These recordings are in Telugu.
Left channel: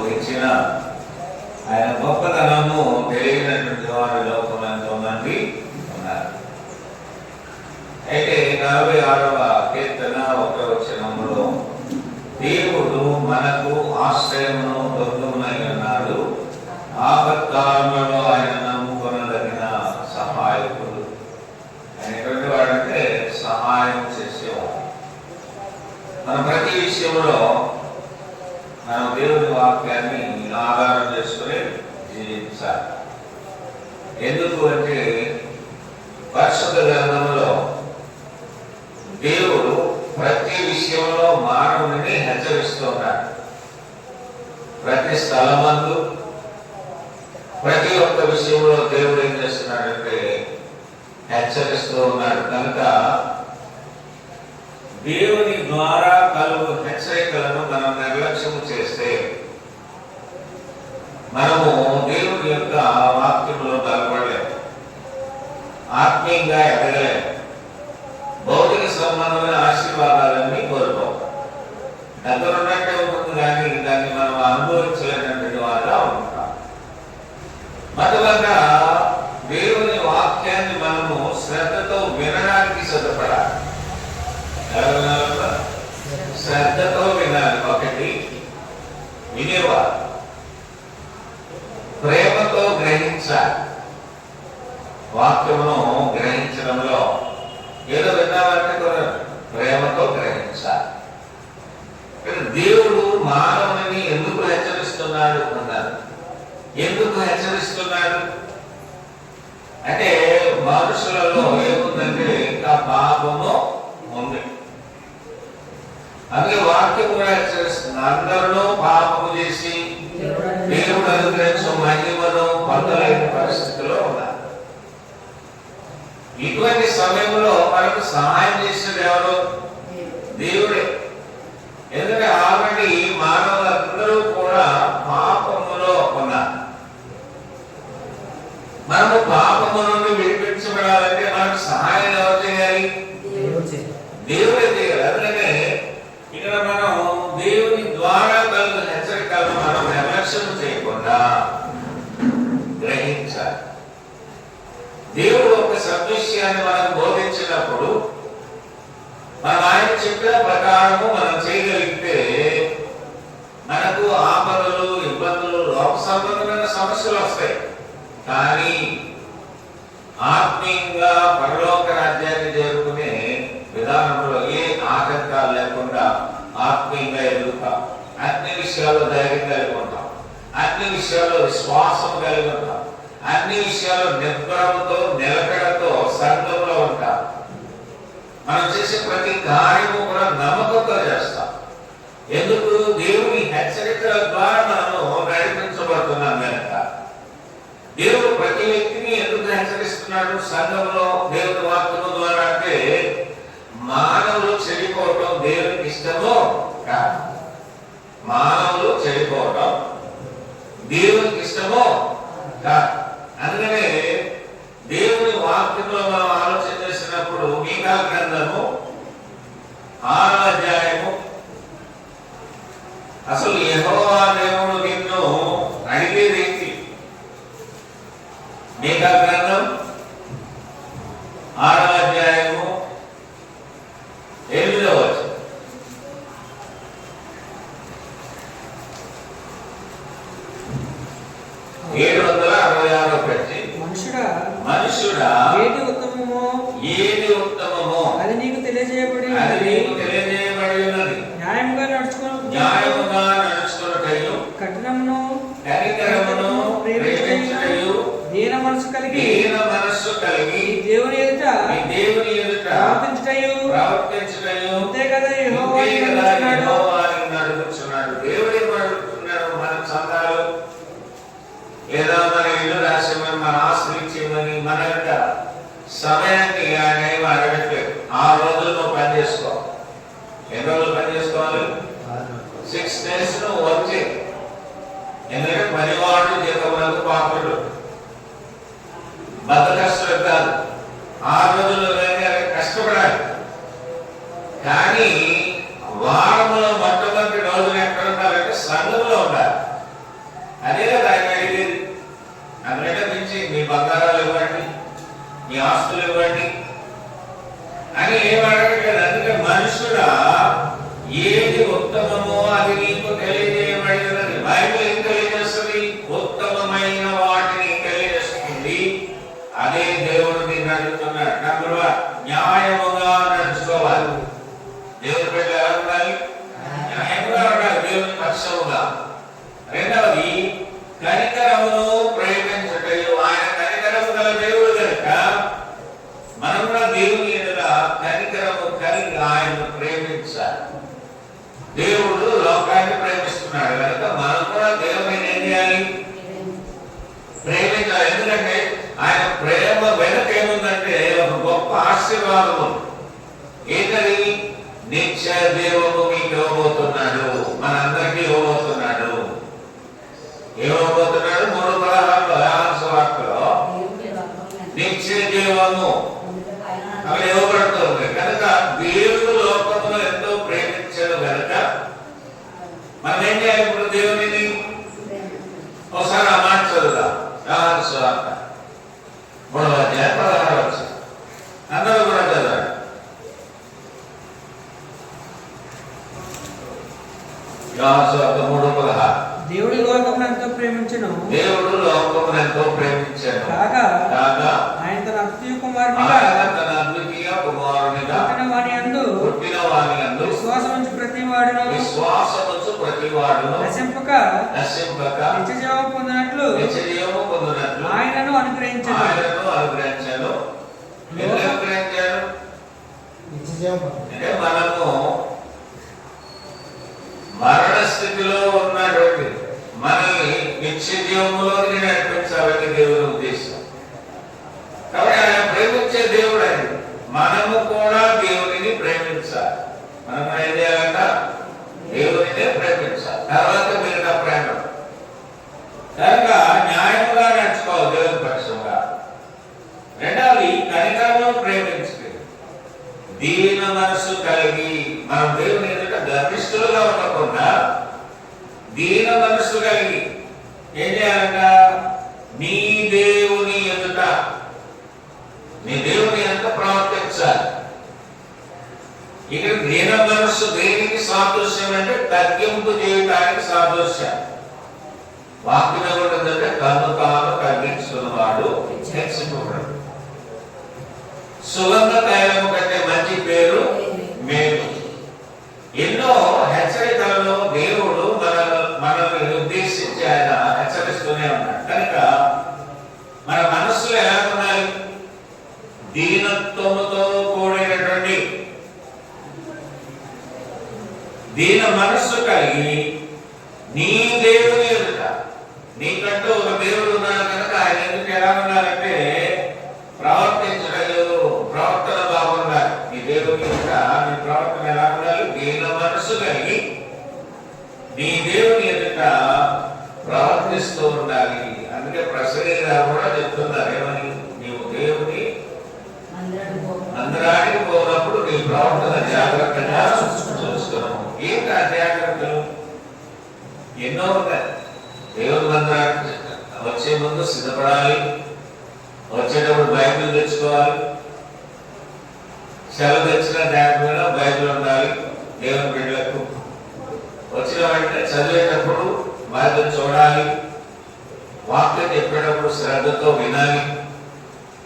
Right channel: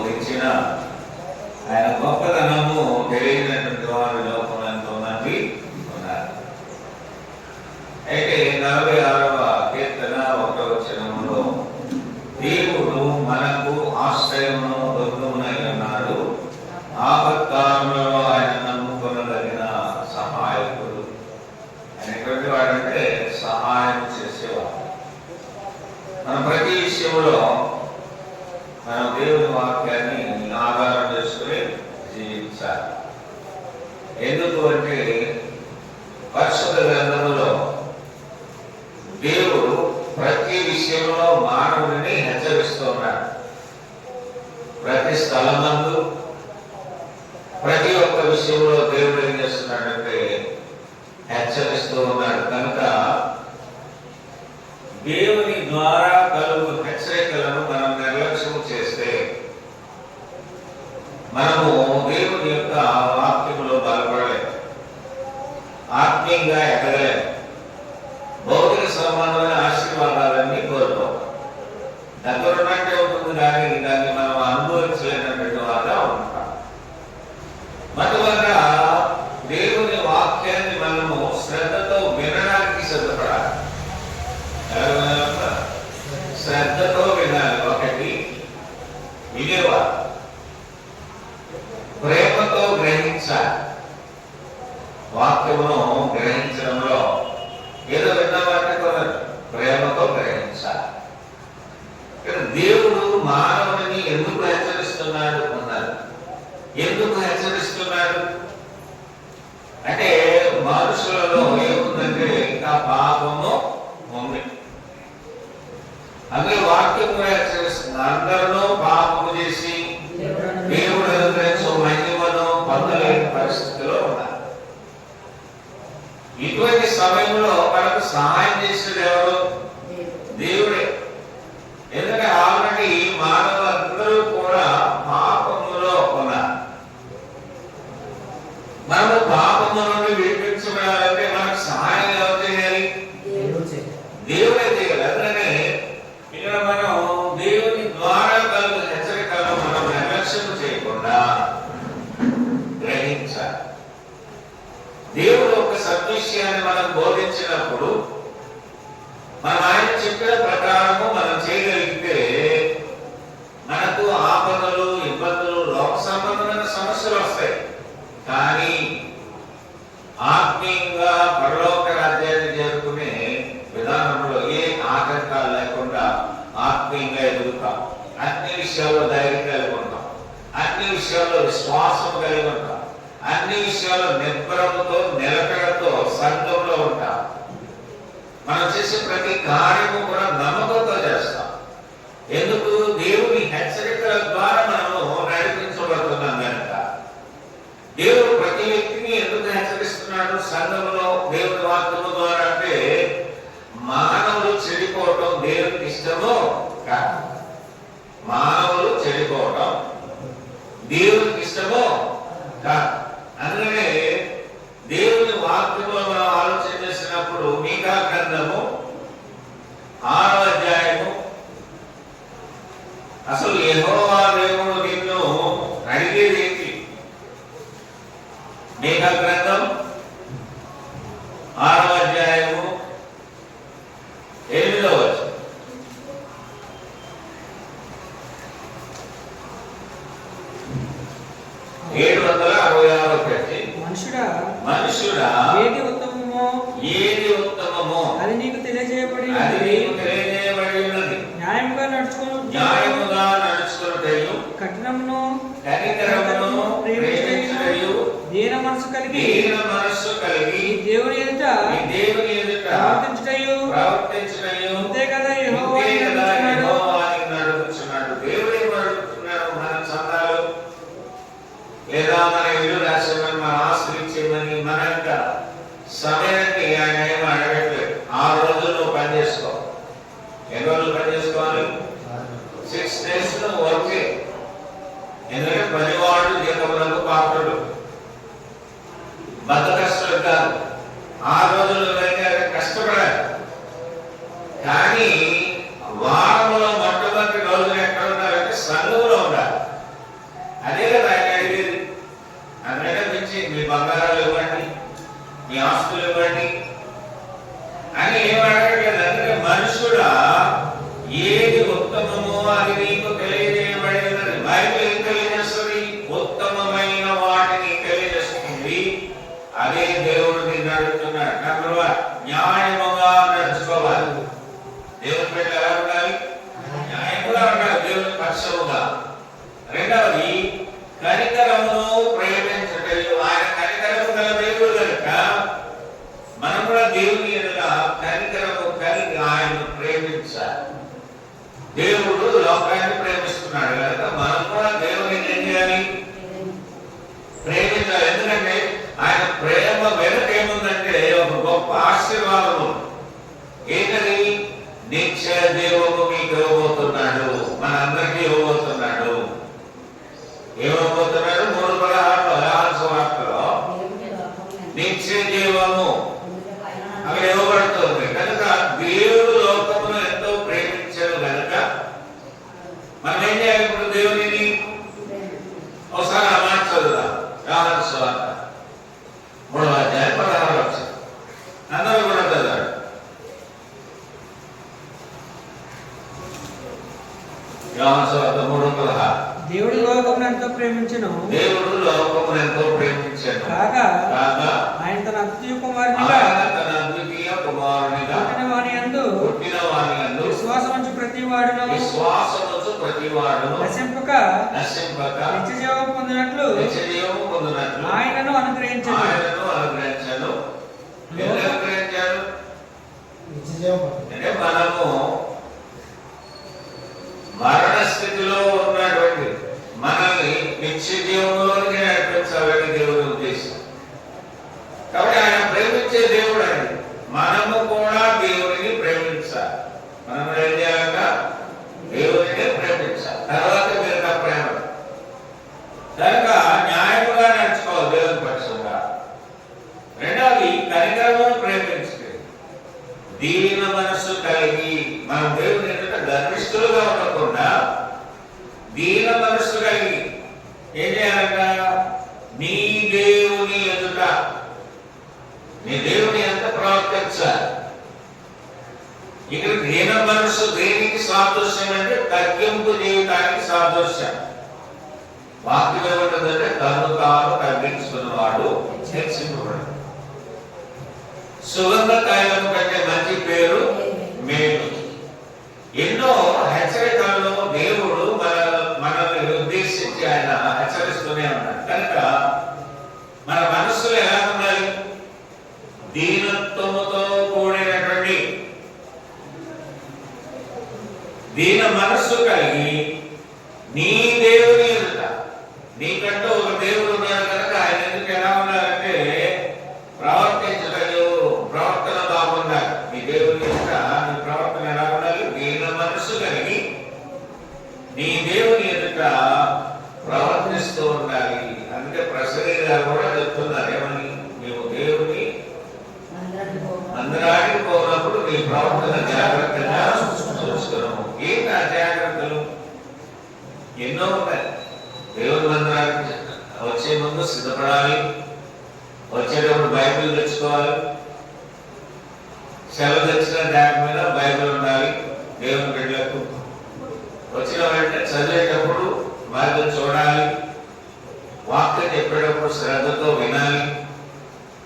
బోధించిన ఆయన గొప్పతనము తెలియనటువంటి వారి లోకంలో ఎంతోమంది ఉన్నారు. అయితే 46వ కీర్తన 1వ వచనములో దేవుడు మనకు ఆశ్రయమును దుర్గమునై ఉన్నాడు, ఆపత్కాలములలో ఆయన నమ్ముకొనదగిన సహాయకుడు. ఆయన ఎటువంటి వాడంటే సహాయం చేసేవాడు. మనం ప్రతి విషయంలో మనం దేవుని వాక్యాన్ని ఆధారం చేసుకుని జీవించాలి. ఎందుకు అంటే పరిశుద్ధ గ్రంథములో దేవుడు ప్రతి విషయంలో మానవుడిని హెచ్చరిస్తున్నాడు. ప్రతి స్థలమందు ప్రతి ఒక్క విషయంలో దేవుడు ఏం చేస్తున్నాడంటే హెచ్చరిస్తూ ఉన్నాడు. కనుక దేవుని ద్వారా కలుగు హెచ్చరికలను మనం నిర్లక్ష్యం చేస్తే మనము దేవుని యొక్క వాక్యములో బలపడలేము, ఆత్మీయంగా ఎదగలేము, భౌతిక సంబంధమైన ఆశీర్వాదాలన్నీ కోరుకోవాలి. దగ్గరున్నట్టే ఉంటుంది కానీ దాన్ని మనం అనుభవించలేనటువంటి వారుగా ఉంటాం. మొదలుగా దేవుని వాక్యాన్ని మనము శ్రద్ధతో వినడానికి సిద్ధపడాలి. శ్రద్ధతో వినాలి. ఒకటి వినేవారు, ప్రేమతో గ్రహించాలి. వాక్యమును గ్రహించడంలో ఏదో విన్నామంటే కూడా ప్రేమతో గ్రహించాలి. దేవుడు మానవుని ఎందుకు హెచ్చరిస్తున్నాడు అన్నారు. ఎందుకు హెచ్చరిస్తున్నాడు అంటే మనుషులలో ఏముందంటే ఇంకా పాపము ఉంది. అందుకే వాక్యం కూడా హెచ్చరిస్తుంది. అందరిలో పాపము చేసి దేవుడు అనుగ్రహించిన మహిమను పొందలేని పరిస్థితిలో ఉన్నారు. ఇటువంటి సమయంలో మనకు సహాయం చేసేది ఎవరు? దేవుడే. ఎందుకంటే ఆల్రెడీ మానవులందరూ కూడా పాపములో ఉన్నారు. మనము పాపము నుండి విడిపించబడాలంటే మనకు సహాయం ఎవరు చేయాలి? దేవుడే చేయాలి. అందుకనే ఇక్కడ మనం దేవుని ద్వారా కలుగు హెచ్చరికలను మనం నిర్లక్ష్యం చేయకుండా గ్రహించాలి. దేవుడు ఒక సద్విషయాన్ని మనం బోధించినప్పుడు మనం ఆయన చెప్పిన ప్రకారము మనం చేయగలిగితే మనకు ఆపదలు, ఇబ్బందులు, లోక సంబంధమైన సమస్యలు వస్తాయి. కానీ ఆత్మీయంగా పరలోక రాజ్యాన్ని చేరుకునే విధానంలో ఏ ఆటంకాలు లేకుండా ఆత్మీయంగా ఎదుగుతాం. అన్ని విషయాల్లో ధైర్యం కలిగి ఉంటాం, అన్ని విషయాల్లో విశ్వాసం కలిగి ఉంటాం, అన్ని విషయాల్లో నిబ్బరముతో నిలకడతో సంఘంలో ఉంటాం. మనం చేసే ప్రతి కార్యము కూడా నమ్మకంతో చేస్తాం. ఎందుకు? దేవుని హెచ్చరికల ద్వారా మనము నడిపించబడుతున్నాం కనుక. దేవుడు ప్రతి వ్యక్తిని ఎందుకు హెచ్చరిస్తున్నాడు సంఘంలో దేవుని వాక్యము ద్వారా అంటే మానవులు చెడిపోవటం దేవునికి ఇష్టమో కాదు. మానవులు చెడిపోవటం దేవునికి ఇష్టమో కాదు. అందుకనే దేవుని వాక్యంలో మనం ఆలోచన చేసినప్పుడు మీకా గ్రంథము 6వ అధ్యాయము అసలు యెహోవా దేవుడు నిన్ను అడిగేది ఏంటి? మీకా గ్రంథం 6వ అధ్యాయము 8వ వచనం. మనుషుడా ఏది ఉత్తమమో అది నీకు తెలియజేయబడి ఉన్నది. న్యాయముగా నడుచుకున్నటయు కఠినమును ప్రేమించుటయు దీన మనసు కలిగి దేవుని ఎదుట ప్రవర్తించుటయు అంతే కదా యెహోవా నడుపుచున్నాడు. దేవుడే నడుపుతున్నాడు. మనం చందాలు లేదా మన ఇల్లు రాసేమని, మన ఆస్తులు ఇచ్చేయమని, మన యొక్క సమయాన్ని ఆయన ఏమి అడగట్లేదు. 6 రోజులు నువ్వు పని చేసుకో. ఎన్ని రోజులు పని చేసుకోవాలి? 6 days నువ్వు వర్క్ చేయి. ఎందుకంటే పనివాడు జీవములకు పాత్రుడు. అదే కదా ఆయన అడిగేది. అందుకంటే మించి మీ బంగారాలు ఇవ్వండి, మీ ఆస్తులు ఇవ్వండి అని ఏం అడగట్లేదు. అందుకే మనుషుడా ఏది ఉత్తమమో అది నీకు తెలియజేయబడినది. బైబిల్ ఏం తెలియజేస్తుంది? ఉత్తమమైన వాటిని తెలియజేస్తుంది. అదే దేవుడు నిన్ను అడుగుతున్నాడు. నెంబర్ 1, న్యాయముగా నడుచుకోవాలి. దేవుని బిడ్డలు ఎలా ఉండాలి? న్యాయముగా ఉండాలి, దేవుని పక్షముగా. రెండవది, కనికరమును ప్రేమించటయు. ఆయన కనికరము గల దేవుడు కనుక మనం కూడా దేవుని ఎడల కనికరము కలిగి ఆయన్ను ప్రేమించాలి. దేవుడు లోకాన్ని ప్రేమిస్తున్నాడు కనుక మనం కూడా దేవుని ఏం చేయాలి? ప్రేమించాలి. ఎందుకంటే ఆయన ప్రేమ వెనుక ఏముందంటే ఒక గొప్ప ఆశీర్వాదము. ఏంటది? నిత్య దేవుడు మీకు ఇవ్వబోతున్నాడు, మన అందరికీ ఇవ్వబోతున్నాడు. ఏమవబోతున్నాడు? 3:16 యోహాను సువార్తలో నిత్య జీవము అక్కడ ఇవ్వబడుతుంది. కనుక దేవుడు లోకమును ఎంతో ప్రేమించాడు కనుక మనం ఏం చేయాలి? ఇప్పుడు దేవుని ఒకసారి ఆ మాట చదువుదాం. యోహాను సువార్త 3:16 అందరూ కూడా చదవాలి. యోహాను సువార్త 3:16. దేవుడు లోకమును ఎంతో ప్రేమించెను, దేవుడు లోకమును ఎంతో ప్రేమించెను కాగా ఆయన తన అద్వితీయ కుమారునిగా పుట్టిన వాని యందు విశ్వాసముంచు ప్రతివాడును నశింపక నిత్య జీవము పొందినట్లు ఆయనను అనుగ్రహించెను. మనము మరణ స్థితిలో ఉన్నటువంటి మనల్ని నిత్య జీవంలోకి నడిపించాలని దేవుని ఉద్దేశం. కాబట్టి ఆయన ప్రేమించే దేవుడు ఆయన. మనము కూడా దేవుని ప్రేమించాలి. మనం కూడా ఏం చేయాలంట? దేవుని ప్రేమించాలి. తర్వాత మిగతా ప్రేమ. కనుక న్యాయముగా నడుచుకోవాలి దేవుని పక్షంగా. రెండవది, కనికరమును ప్రేమించే దీన మనస్సు కలిగి మనం దేవుని ఎదుట గర్విష్ఠులుగా ఉండకుండా దీన మనస్సు కలిగి ఏం చేయాలంట? నీ దేవుని ఎదుట నీ దేవుని ఎంత ప్రవర్తించాలి. ఇక్కడ దీన మనస్సు దేనికి సాదృశ్యం అంటే తగ్గింపు చేయడానికి సాదృశ్యం. వాక్యం ఏమంటుందంటే తను తాను తగ్గించుకున్నవాడు హెచ్చింపబడు. సుగంధ తైలము కంటే మంచి పేరు మేలు. ఎన్నో హెచ్చరికలను దేవుడు మనల్ని ఉద్దేశించి ఆయన హెచ్చరిస్తూనే ఉన్నాడు. కనుక మన మనస్సులో ఎలా ఉండాలి? దీనత్వముతో కూడినటువంటి దీన మనస్సు కలిగి నీ దేవుని ఎదుట, నీకంటూ ఒక దేవుడు ఉన్నాడు కనుక ఆయన ఎందుకు ఎలా ఉండాలంటే ప్రవర్తన బాగుండాలి. నీ దేవుని ఎదుట నీ ప్రవర్తన ఎలా ఉండాలి? దీన మనస్సు కలిగి నీ దేవుని ఎదుట ప్రవర్తిస్తూ ఉండాలి. అందుకే ప్రసరీ గారు కూడా చెప్తున్నారు ఏమని? నీవు దేవుని మందిరానికి పోయినప్పుడు నీ ప్రవర్తన జాగ్రత్తగా చూస్తున్నాము. ఏంటి ఆ జాగ్రత్తలు? ఎన్నో ఉన్నాయి. దేవుని మందిరానికి వచ్చే ముందు సిద్ధపడాలి, వచ్చేటప్పుడు బైబిల్ తెచ్చుకోవాలి, సెలవు తెచ్చిన దాని మీద బైబిల్ ఉండాలి. దేవుని బిడ్డలకు వచ్చిన వెంటనే చదివేటప్పుడు బైబిల్ చూడాలి, వాక్యం చెప్పేటప్పుడు శ్రద్ధతో వినాలి.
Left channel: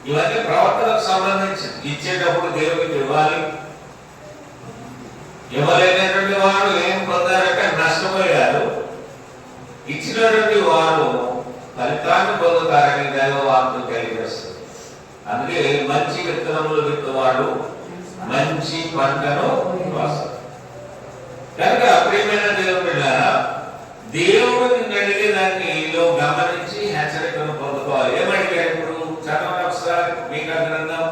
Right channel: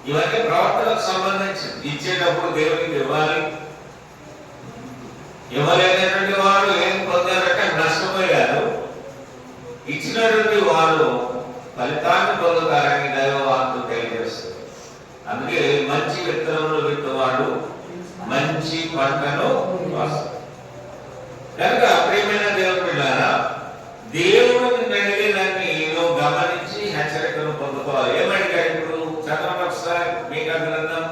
ఇవన్నీ ప్రవర్తనకు సంబంధించి. ఇచ్చేటప్పుడు దేవునికి ఇవ్వాలి. ఇవ్వలేనటువంటి వాడు ఏం పొందారంటే నష్టపోయారు. ఇచ్చినటువంటి వారు ఫలితాన్ని పొందుతారని దైవవాక్యం తెలియజేస్తుంది. అందుకే మంచి విత్తనములు విత్తువాడు మంచి పంటను కోస్తాడు. కనుక ప్రియమైన దేవుని బిడ్డలారా, దేవుడిని అడిగేదాన్ని గమనించి హెచ్చరికను పొందుకోవాలి. ఏమంటారు ఇప్పుడు? చదవండి ఒకసారి మీకు గ్రంథం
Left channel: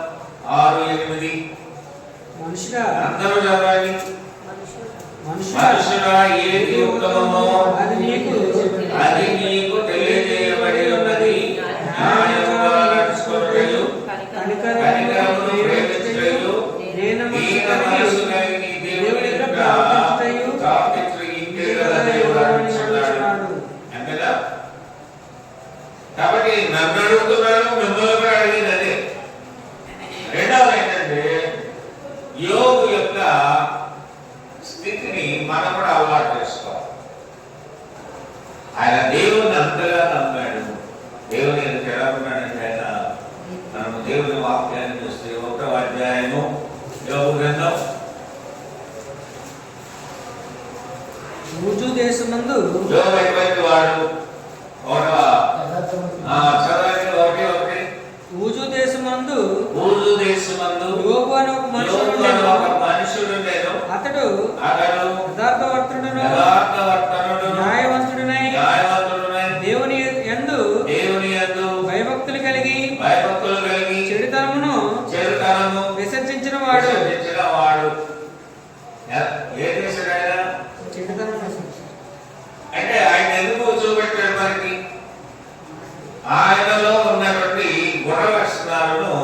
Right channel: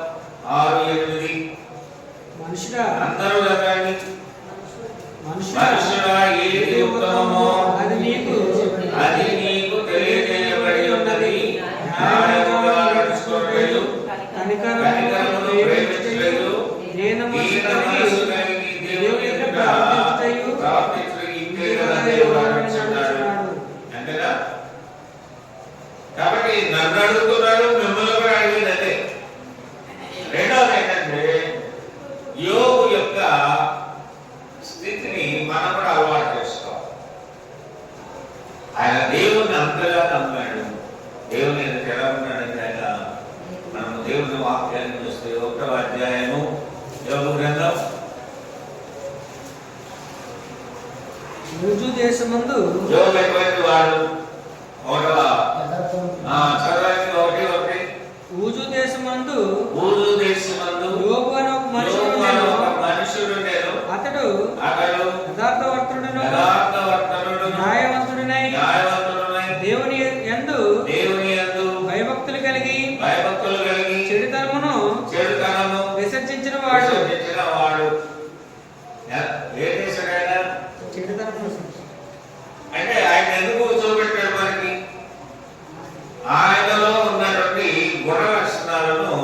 6:8. మనుషుడా అందరూ చదవండి. మనుషుడా ఏది ఉత్తమమో అది నీకు తెలియజేయబడి ఉన్నది. న్యాయముగా నడుచుకొనుటయు, కనికరమును ప్రేమించుటయు, దీన మనస్సు కలిగి దేవుని ఎదుట ప్రార్థించుటయు ఇంతే కదా దేవుడు అంటున్నాడు. అంతేనా? కాబట్టి నన్ను అడుగుతున్నారు, మిమ్మల్ని కూడా అడిగింది అదే. రెండవది ఏంటంటే యోగు యొక్క స్థితిని మనం కూడా అలవాటు చేసుకోవాలి. ఆయన దేవుని అంతగా నమ్మాడు. దేవుని ఎందుకు ఎలా ఉన్నాడంటే ఆయన, మనం దేవుని వాక్యాన్ని చూస్తే 1వ అధ్యాయము యోగు గ్రంథం ఊజు దేశమందు యోగు ఎటువంటి వాడు? చదవండి 1:1. ఊజు దేశమందు యోగు అని ఒక మనుషుడుండెను. అతడు యథార్థవర్తనుడును న్యాయవంతుడినై దేవుని యందు భయభక్తులు కలిగి చెడుతనమును విసర్జించిన వాడు. చెడుతనమును అంటే ఆయన ఎందుకు చూపెట్టాడు మనకి? ఆయనలో ఉన్నటువంటి గుణ లక్షణాలను,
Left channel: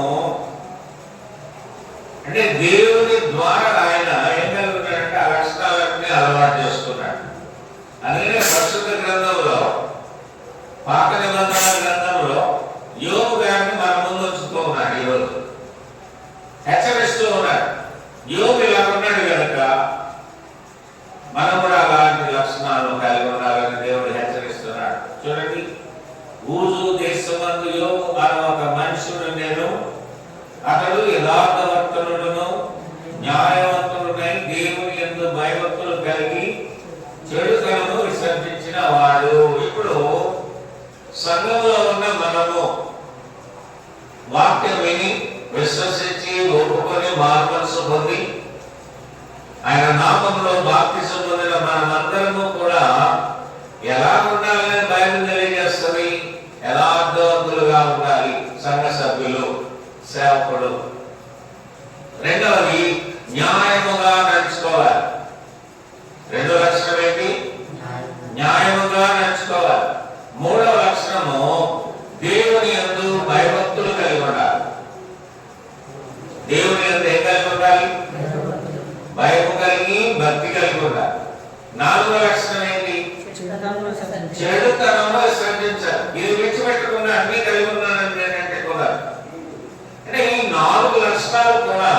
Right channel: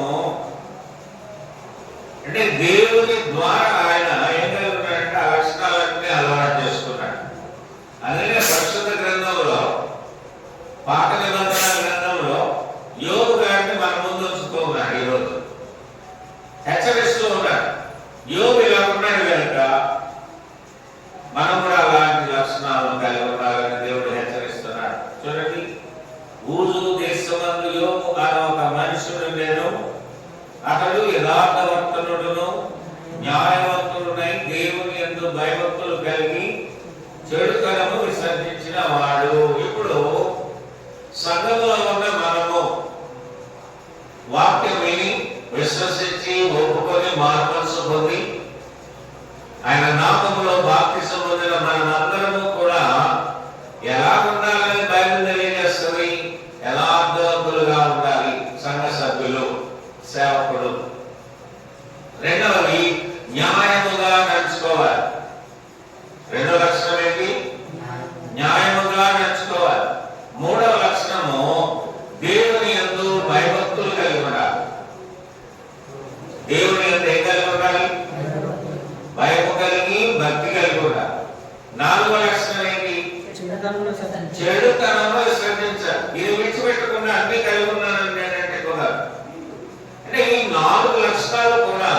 అంటే దేవుని ద్వారా ఆయన ఏం కలుగుతాడంటే ఆ లక్షణాలన్నీ అలవాటు చేసుకున్నాడు. అందుకే పరిశుద్ధ గ్రంథంలో, పాత నిబంధన గ్రంథంలో యోగు గారిని మన ముందు ఉంచుతూ ఉన్నాడు. ఈరోజు హెచ్చరిస్తూ ఉన్నాడు. యోగు ఇలా ఉన్నాడు కనుక మనం కూడా అలాంటి లక్షణాలను కలిగి ఉండాలని దేవుడు హెచ్చరిస్తున్నాడు. చూడండి, ఊజు దేశమందు యోగు అనే ఒక మనుషుడుండెను. అతడు యథార్థవర్తనుడును న్యాయవంతుడునై దేవుని యందు భయభక్తులు కలిగి చెడుతనము విసర్జించిన వాడు. ఇప్పుడు సంఘంలో ఉన్న మనము వాక్యం విని విశ్వసించి ఒప్పుకొని మార్పల్సు పొంది ఆయన నామంలో బాప్తిసం పొందిన మనమందరము కూడా ఎలా ఉండాలని బైబిల్ తెలియజేస్తుంది. యథార్థవంతులుగా ఉండాలి సంఘ సభ్యులు, సేవకుడు. రెండవది న్యాయముగా నడుచుకోవాలి. రెండో లక్షణం ఏంటి? న్యాయముగా నడుచుకోవాలి. మూడవ లక్షణము దేవుని యందు భయభక్తులు కలిగి ఉండాలి. దేవుని యందు ఏం కలిగి ఉండాలి? భయము కలిగి భక్తి కలిగి ఉండాలి. నాలుగో లక్షణం ఏంటి? చెడుతనము విసర్జించాలి. ఇది విడిచిపెట్టకుండా అన్ని కలిగి ఉన్నానంటే ఏంటంటే కూడా, అంటే ఈ 4 లక్షణాలు కూడా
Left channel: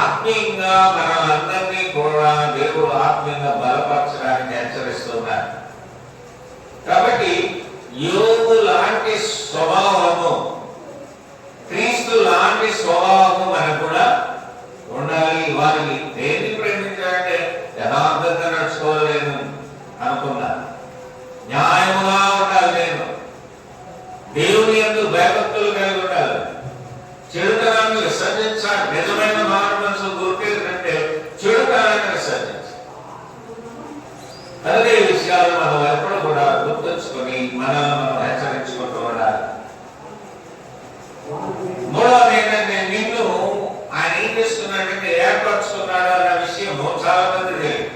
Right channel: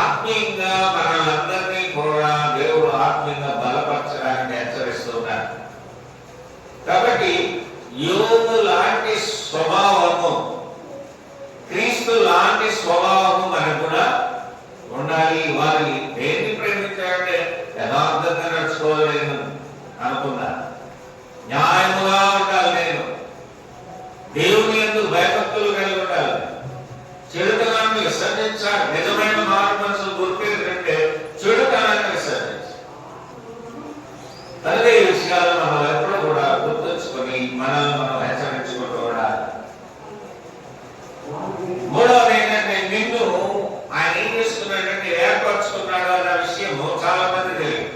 ఆత్మీయంగా మనందరినీ కూడా దేవుడు ఆత్మీయంగా బలపరచడానికి హెచ్చరిస్తున్నారు. కాబట్టి యోగు లాంటి స్వభావము, క్రీస్తు లాంటి స్వభావము మనకు కూడా ఉండాలి. వారిని దేన్ని ప్రేమించాలంటే యథార్థంగా నడుచుకోలేను అనుకున్నారు. న్యాయముగా ఉండాలి, నేను దేవుని యందు భయభక్తులు కలిగి ఉండాలి, చెడుతనాన్ని విసర్జించాలి. నిజమైన మారు మనసు గుర్తింటే చెడుతనాన్ని విసర్జించాలి. అదే విషయాలు మనం ఎప్పుడు కూడా గుర్తుంచుకొని మనల్ని మనం హెచ్చరించుకుంటూ ఉండాలి. మూడవది ఏంటంటే, నిన్ను ఆయన ఏం చేస్తున్నాడంటే ఏర్పరచుకున్నాడు అన్న విషయము చాలా మంది తెలియదు.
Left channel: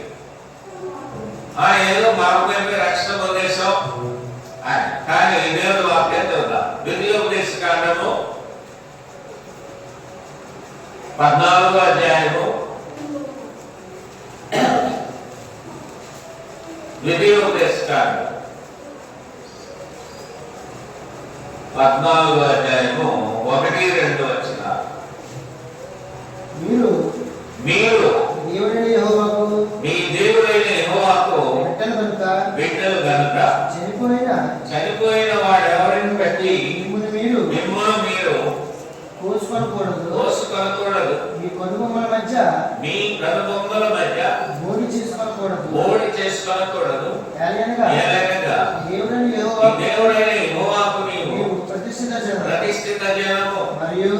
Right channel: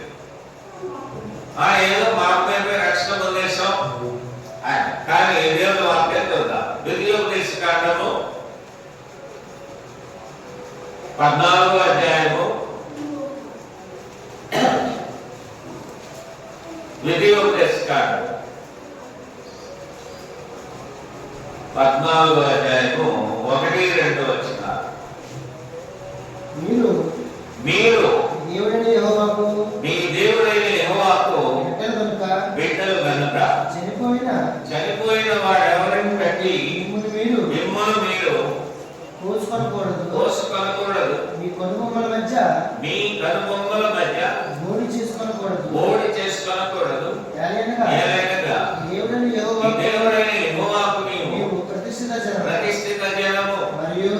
ఏదో మార్గంగా రక్షణ ఉద్దేశం, కానీ దేవుడు వాక్యం చూద్దాం. ద్వితీయోపదేశ కాండము 14వ అధ్యాయము, ద్వితీయోపదేశ కాండము 14వ అధ్యాయము 1-2 వచనాలు. మీరు మీ దేవుడైన యెహోవాకు బిడ్డలు గనుక చనిపోయిన వాడెవరిని బట్టి మిమ్మల్ని మీరు కోసుకొనకూడదు. మీ కనుబొమ్మల మధ్య బోడి చేసుకోనకూడదు. ఏలైనగా దేవుడైన యెహోవాకు నీవు ప్రతిష్ఠిత జనము మరియు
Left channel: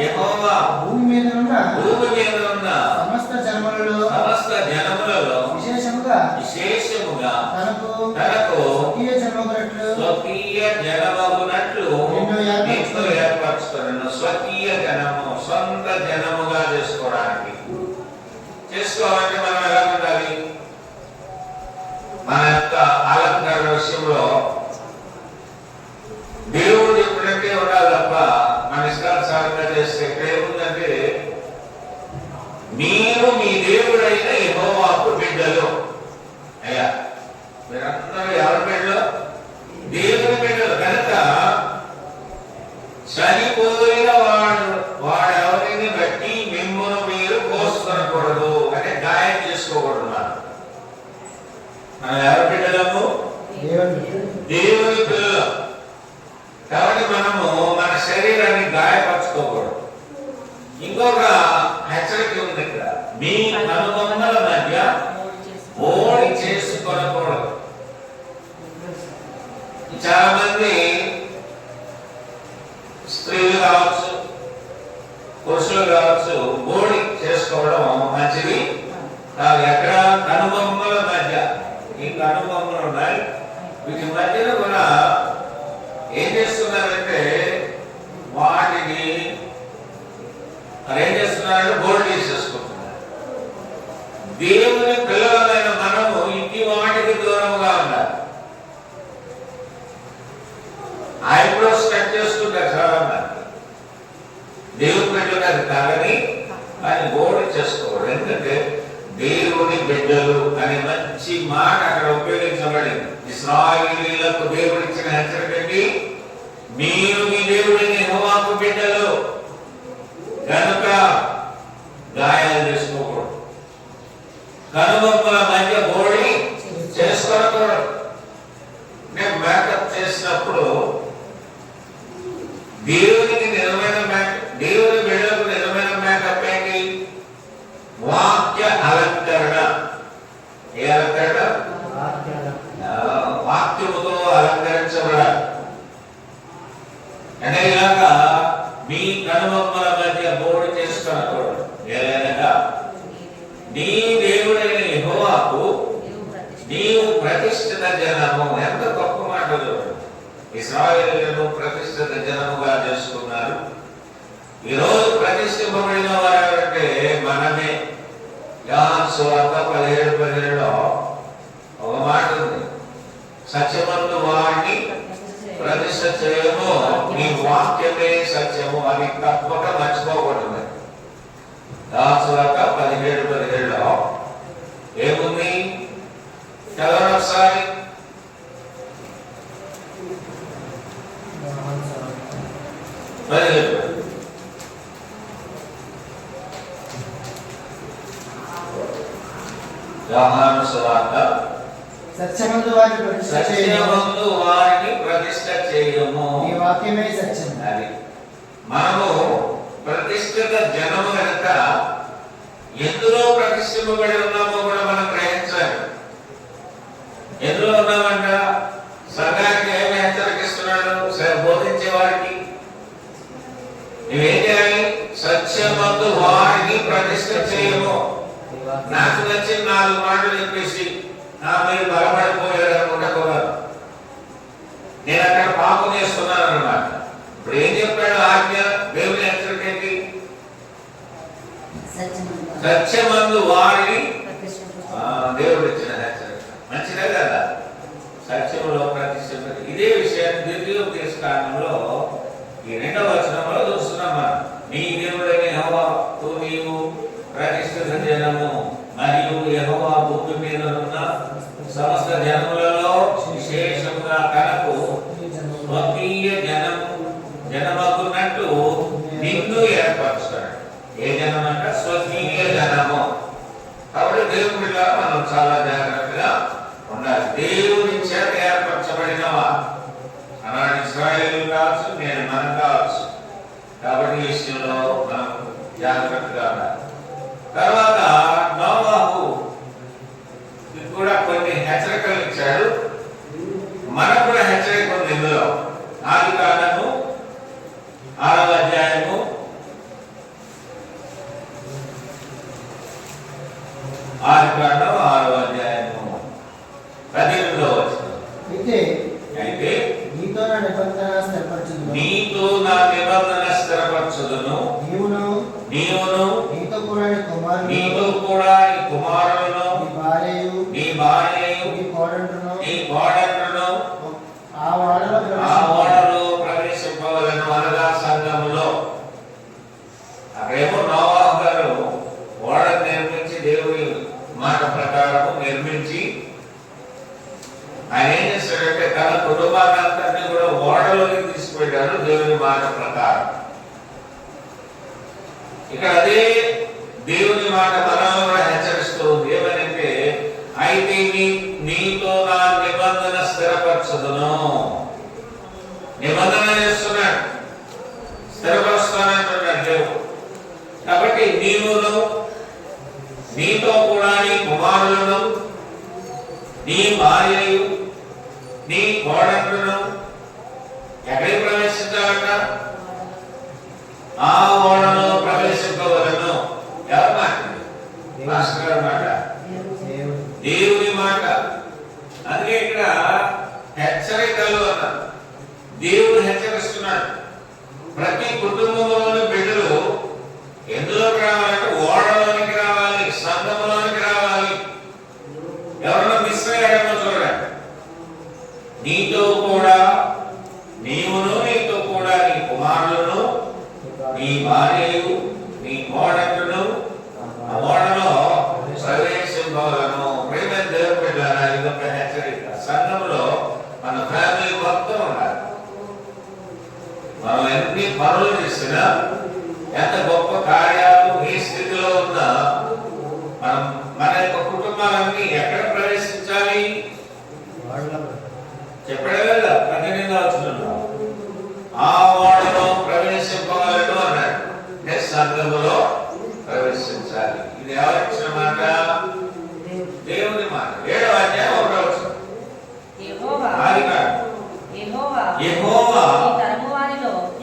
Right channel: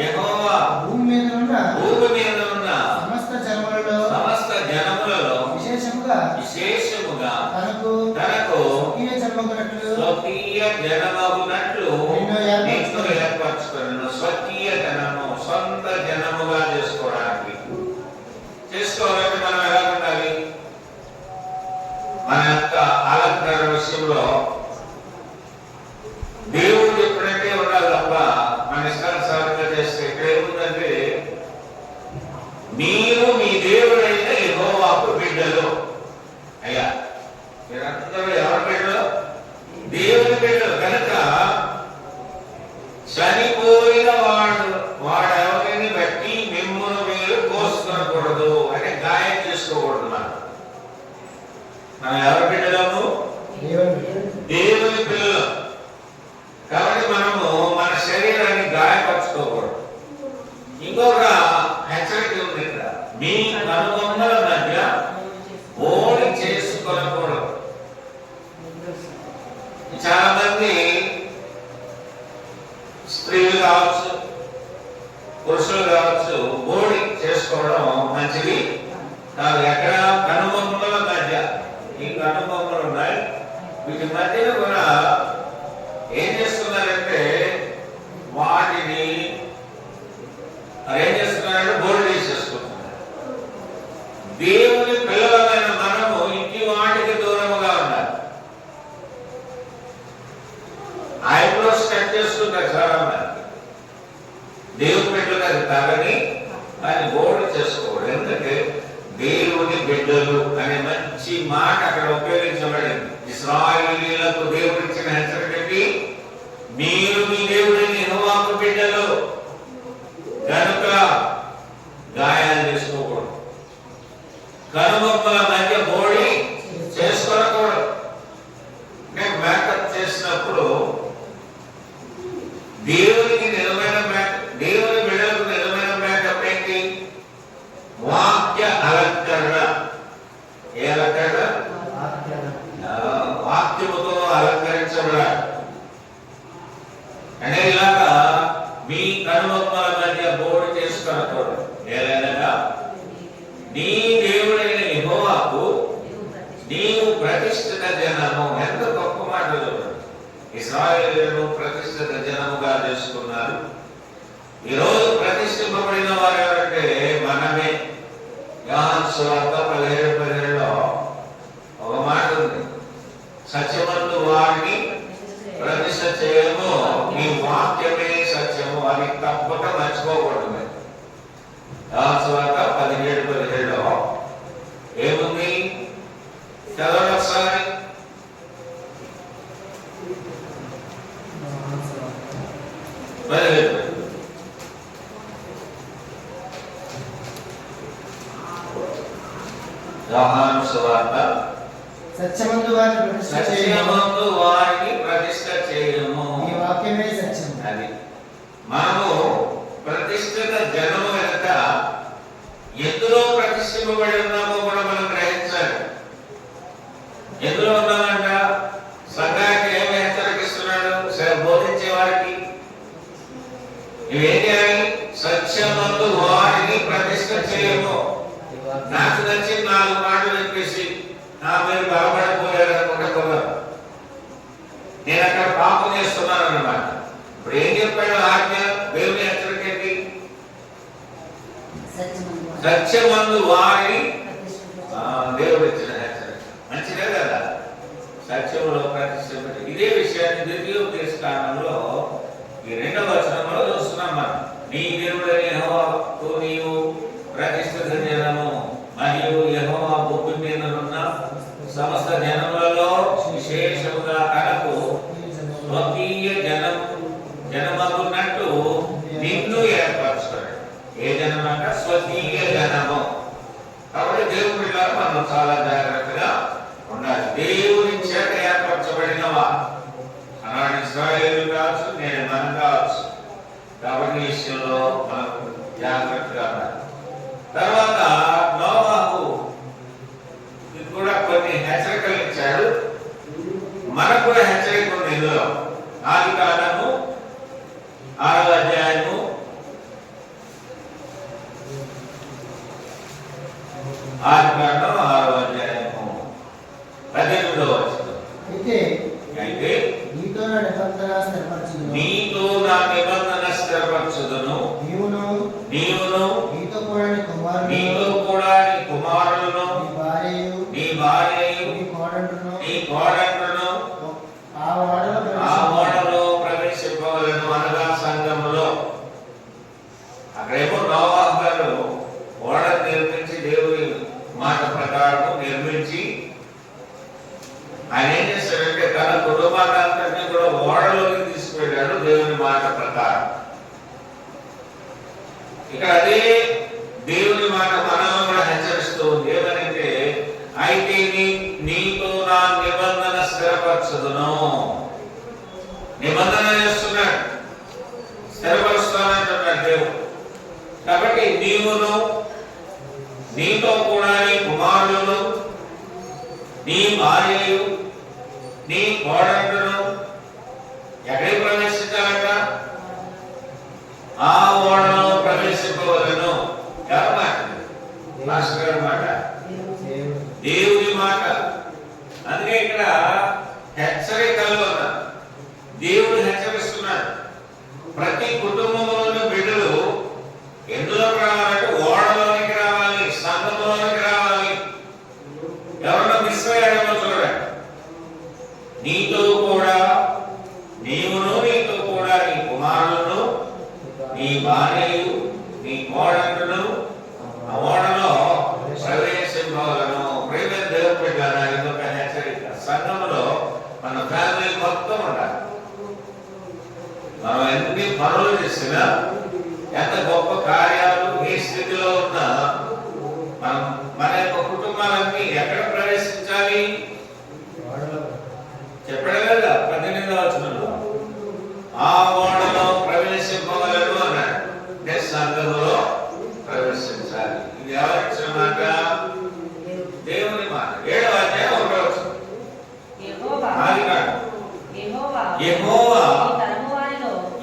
యెహోవా భూమి మీద ఉన్న సమస్త జనములలో విశేషముగా తనకు స్వకీయ జనమగునట్లు నిన్ను ఏర్పరచుకున్నాను. స్వకీయ జనము, సొంత జనముగా చేసుకోవాలంటే మనం ఎలా ఉండాలి? మన యొక్క అలంకరణ విషయంలో దేవుడు చెప్పినట్టే ఉండాలి తప్ప మన ఇష్టానుసారంగా చేస్తే ఏముందంటే, మీరు మీ దేవుడైన యెహోవాకు బిడ్డలు. అయ్యా, మీరందరూ ఎవరి బిడ్డలు? దేవుని బిడ్డలు కనుక చనిపోయిన వాడెవరిని బట్టి మిమ్మును మీరు కోసుకొనకూడదు అంటే గాయం చేసుకోకూడదు. మనం ఎవరి బిడ్డలము? దేవుని పిల్లలు. కాబట్టి మనము మన శరీరాన్ని గాయపరచుకోకూడదు. ఇంకొక హెచ్చరిక ఉంది ఇక్కడ, మీ కనుబొమ్మల మధ్య ఓడి చేసుకోకూడదు. చాలా మంది స్త్రీలు కావచ్చు, పురుషులు కావచ్చు, ఓడి చేసుకోవడం మంచిది కాదు. ఎక్కడ? కనుబొమ్మల మధ్య. ఈ కనుబొమ్మలు ఉన్నాయి, వీటి మధ్యన కూడా ఏం చేస్తున్నారంటే వాటిని ఏం చేస్తున్నారు? బోల్డ్ చేసేసుకుంటున్నారు. దేవుని పిల్లలైన మనము ఇంటి వాటికి దూరంగా ఉండాలి. ఐబ్రోస్ కట్ చేసుకుంటారు చాలా మంది. దేవుని బిడ్డలు అది కాదని ఆయన బోల్డ్ చేసుకోవాలి. ఎందుకంటే దేవుని బిడ్డలు అనే మంచి మాట అక్కడ ఉపయోగించబడింది. ఇశ్రాయేలీయులకు దేవుడు ఇచ్చిన హెచ్చరిక ఏంటి? మీరు మీ దేవుడిని యెహోవాకు బిడ్డలు కనుక గాయాలు చేసుకోకూడదు. కనుబొమ్మల మధ్య బోడి చేసుకోకూడదు. మేము మేకప్ చేసినప్పుడు దేవునికి నిజమైన మేకప్, దేవుని బిడ్డలకు నిజమైన మేకప్ ఏంటి? వాక్య అలంకరణ. ఏ అలంకరణ? వాక్యముతో అలంకరించబడాలి. అంటే ఇలాగా మీ కనుబొమ్మల మధ్య బోడు చేసుకొనకూడదు. ఏదైనా నీ దేవుడైన యెహోవాకు నీవు ప్రతిష్ఠిత జనము. ఎంత గొప్ప మాటలు! ఇశ్రాయేలీయులను ప్రతిష్ఠిత జనముగా చేసుకున్నారు. ఈరోజు ప్రతిష్ఠింపబడిన వారు ఎవరంటే మనమే. యోహాను సువార్త 17:17లో ఒక మాట ఉంది, సత్యమందు వారిని ప్రతిష్ఠ చేయము, నీ వాక్యమే సత్యము. అది తప్పక మర్చిపోకూడదు. యోహాను సువార్త 17:17లో ఏముంది? చదవండి ఒకసారి. యోహాను సువార్త సత్యమందు వారిని ప్రతిష్ఠ చేయము, నీ వాక్యమే సత్యం. అది మనము ప్రతిష్ఠిత జనము కనుక ఎందులో ప్రతిష్ఠింపబడి ఉన్నామో కూడా మనం గ్రహించాలి. ఎందులో ఉన్నామంట? సంఘానికి ఏమి హెచ్చరిస్తున్నాడు? బోధించే వారికి నువ్వేం చేయాలి? సత్యమందు వారిని ప్రతిష్ఠ చేయము. నాకు నచ్చిన 4 మాటలు చెప్పేసి మీరు బలపడిపోయారు అనుకోకూడదు. నేను అక్కడ పాపం చేస్తున్నాను అన్నమాట. ఇప్పుడు ఏం చెప్పాడు ఆజ్ఞ? దేవుని హెచ్చరిక ఏంటి? సత్యమందు వారిని. దేవుడు ఇచ్చిన హెచ్చరిక మంచిదే కదా. సత్యంలో ప్రతిష్ఠ. ఇదే విషయాన్ని ద్వితీయోపదేశ కాండంలో ఈ 2వ వచనంలో చూస్తున్నాం మనం. నీ దేవుడైన యెహోవాకు నీవు ప్రతిష్ఠిత జనము మరియు యెహోవా భూమి మీద ఉన్న సమస్త జనములలో విశేషముగా తనకు స్వకీయ జనమగునట్టు నిన్ను ఏర్పరచుతాడు. ఏ జనం అంట? స్వకీయ జనము. కాబట్టి దేవుని బిడ్డలారా మనం చాలా జాగ్రత్తగా ఉండాలి. దేవుని చేత ఏర్పరచబడినవా అలాంటి ఇశ్రాయేలీయులు కావచ్చు, నేను మనం కావచ్చు. కాబట్టి ఈ విషయంలో మనం జాగ్రత్తగా ఉండాలి. తర్వాత నోవాహు కూడా కొన్ని హెచ్చరికలు ఇచ్చాడు. మనకు కూడా హెచ్చరిక ఉంది ఇందులో. ఆదికాండము 6వ అధ్యాయము 18వ వచనం. అయితే నీతో నా నిబంధన స్థిరపరచుదును, నీవును నీతో కూడా నీ కుమారులను, నీ భార్యయు, నీ కోడళ్ళను ఆ ఓడలో ప్రవేశింపవలను. అనగా సంఘములో. అక్కడేమో నోవాహు గారు ఓడ నిర్మించి దేవుని మాట ప్రకారం నిర్మించి ఆయన ఏం చేశాడంటే తన కుటుంబాన్ని అంతటినీ కూడా ఓడలోకి తీసుకువెళ్ళారు దేవుని మాట ప్రకారం. ఇక్కడ అదే దేవుని మాట మనల్ని కూడా హెచ్చరిస్తూ ఉంది. ఏమనంటే, అయితే నీతో నా నిబంధన స్థిరపరచదును. నిబంధన చేస్తున్నాడు, స్థిరపరుస్తానంటున్నాడు దేవుడు. కాబట్టి నీవును, నీతో కూడా నీ కుమారులను, నీ భార్యయు, నీ కోడళ్లను ఎక్కడికి ప్రవేశించాలంట? ఆ ఓడలో ప్రవేశింపవలను. ఎవరి మాట? మాస్టర్ గారి మాట, దేవుని మాట. అందుకే ఇక్కడ హెచ్చరికలు అన్న దేవుడు హెచ్చరిస్తున్నాడు. ప్రతి కుటుంబంలోని బిడ్డలు ఎందులోకి రావాలంటే ఓడలోనికి రావాలి, సంఘంలోనికి రావాలి. ఎవరన్నా మిస్ అయ్యాడేమో చూడండి. నీతో కూడా నీవును, నీతో కూడా నీ కుమారులను, నీ భార్యలు, నీ కోడళ్లను ఆ ఓడలో ప్రవేశింపవలను. ప్రేమ దేవుడు పెట్టారా? ఇదొక హెచ్చరిక. సంఘంలో మన ఫ్యామిలీ మొత్తం ఉండాలి. మనం ఎన్ని పనులు చేసినా, ఎంత గొప్ప కార్యాలు ఏ స్థితిలో ఉన్నా, మనం మన యొక్క కుటుంబాలన్నీ ఎక్కడ ప్రవేశించాలి? చెప్పడం కదా 18వ వచనంలో, ఆ ఓడలో ప్రవేశింపగలడు అన్నాడు. అంటే సంఘంలో ప్రవేశించాలి. ఇది ఎవరిచ్చిన మాట? దేవుని మాట. 7వ అధ్యాయం 1వ వచనం. యెహోవా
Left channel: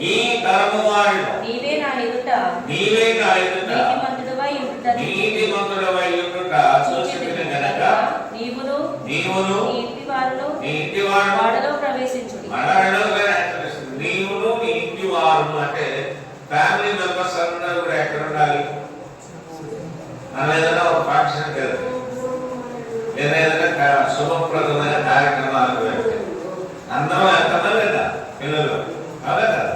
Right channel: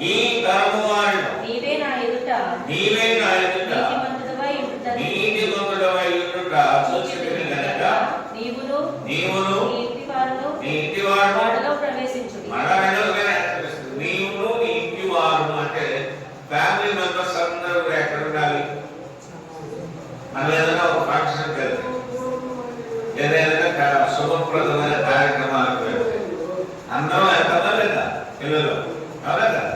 ఈ తరము వారిలో నీవే నా ఎదుట నీతిమంతుడవై ఉండుట చూచితిని గనుక నీవును నీ ఇంటి వారు నీవును నీ ఇంటి వారు అంటే ఫ్యామిలీ మెంబర్స్ అందరూ కూడా ఎక్కడ ఉండాలి? మనం ఏదైనా ఒక ఫంక్షన్ వెళ్తే, ఏదైనా శుభప్రదమైన కార్యక్రమాలకు వెళ్తే అందరూ వెళ్తారా లేదా? పిల్లలు అదే కదా.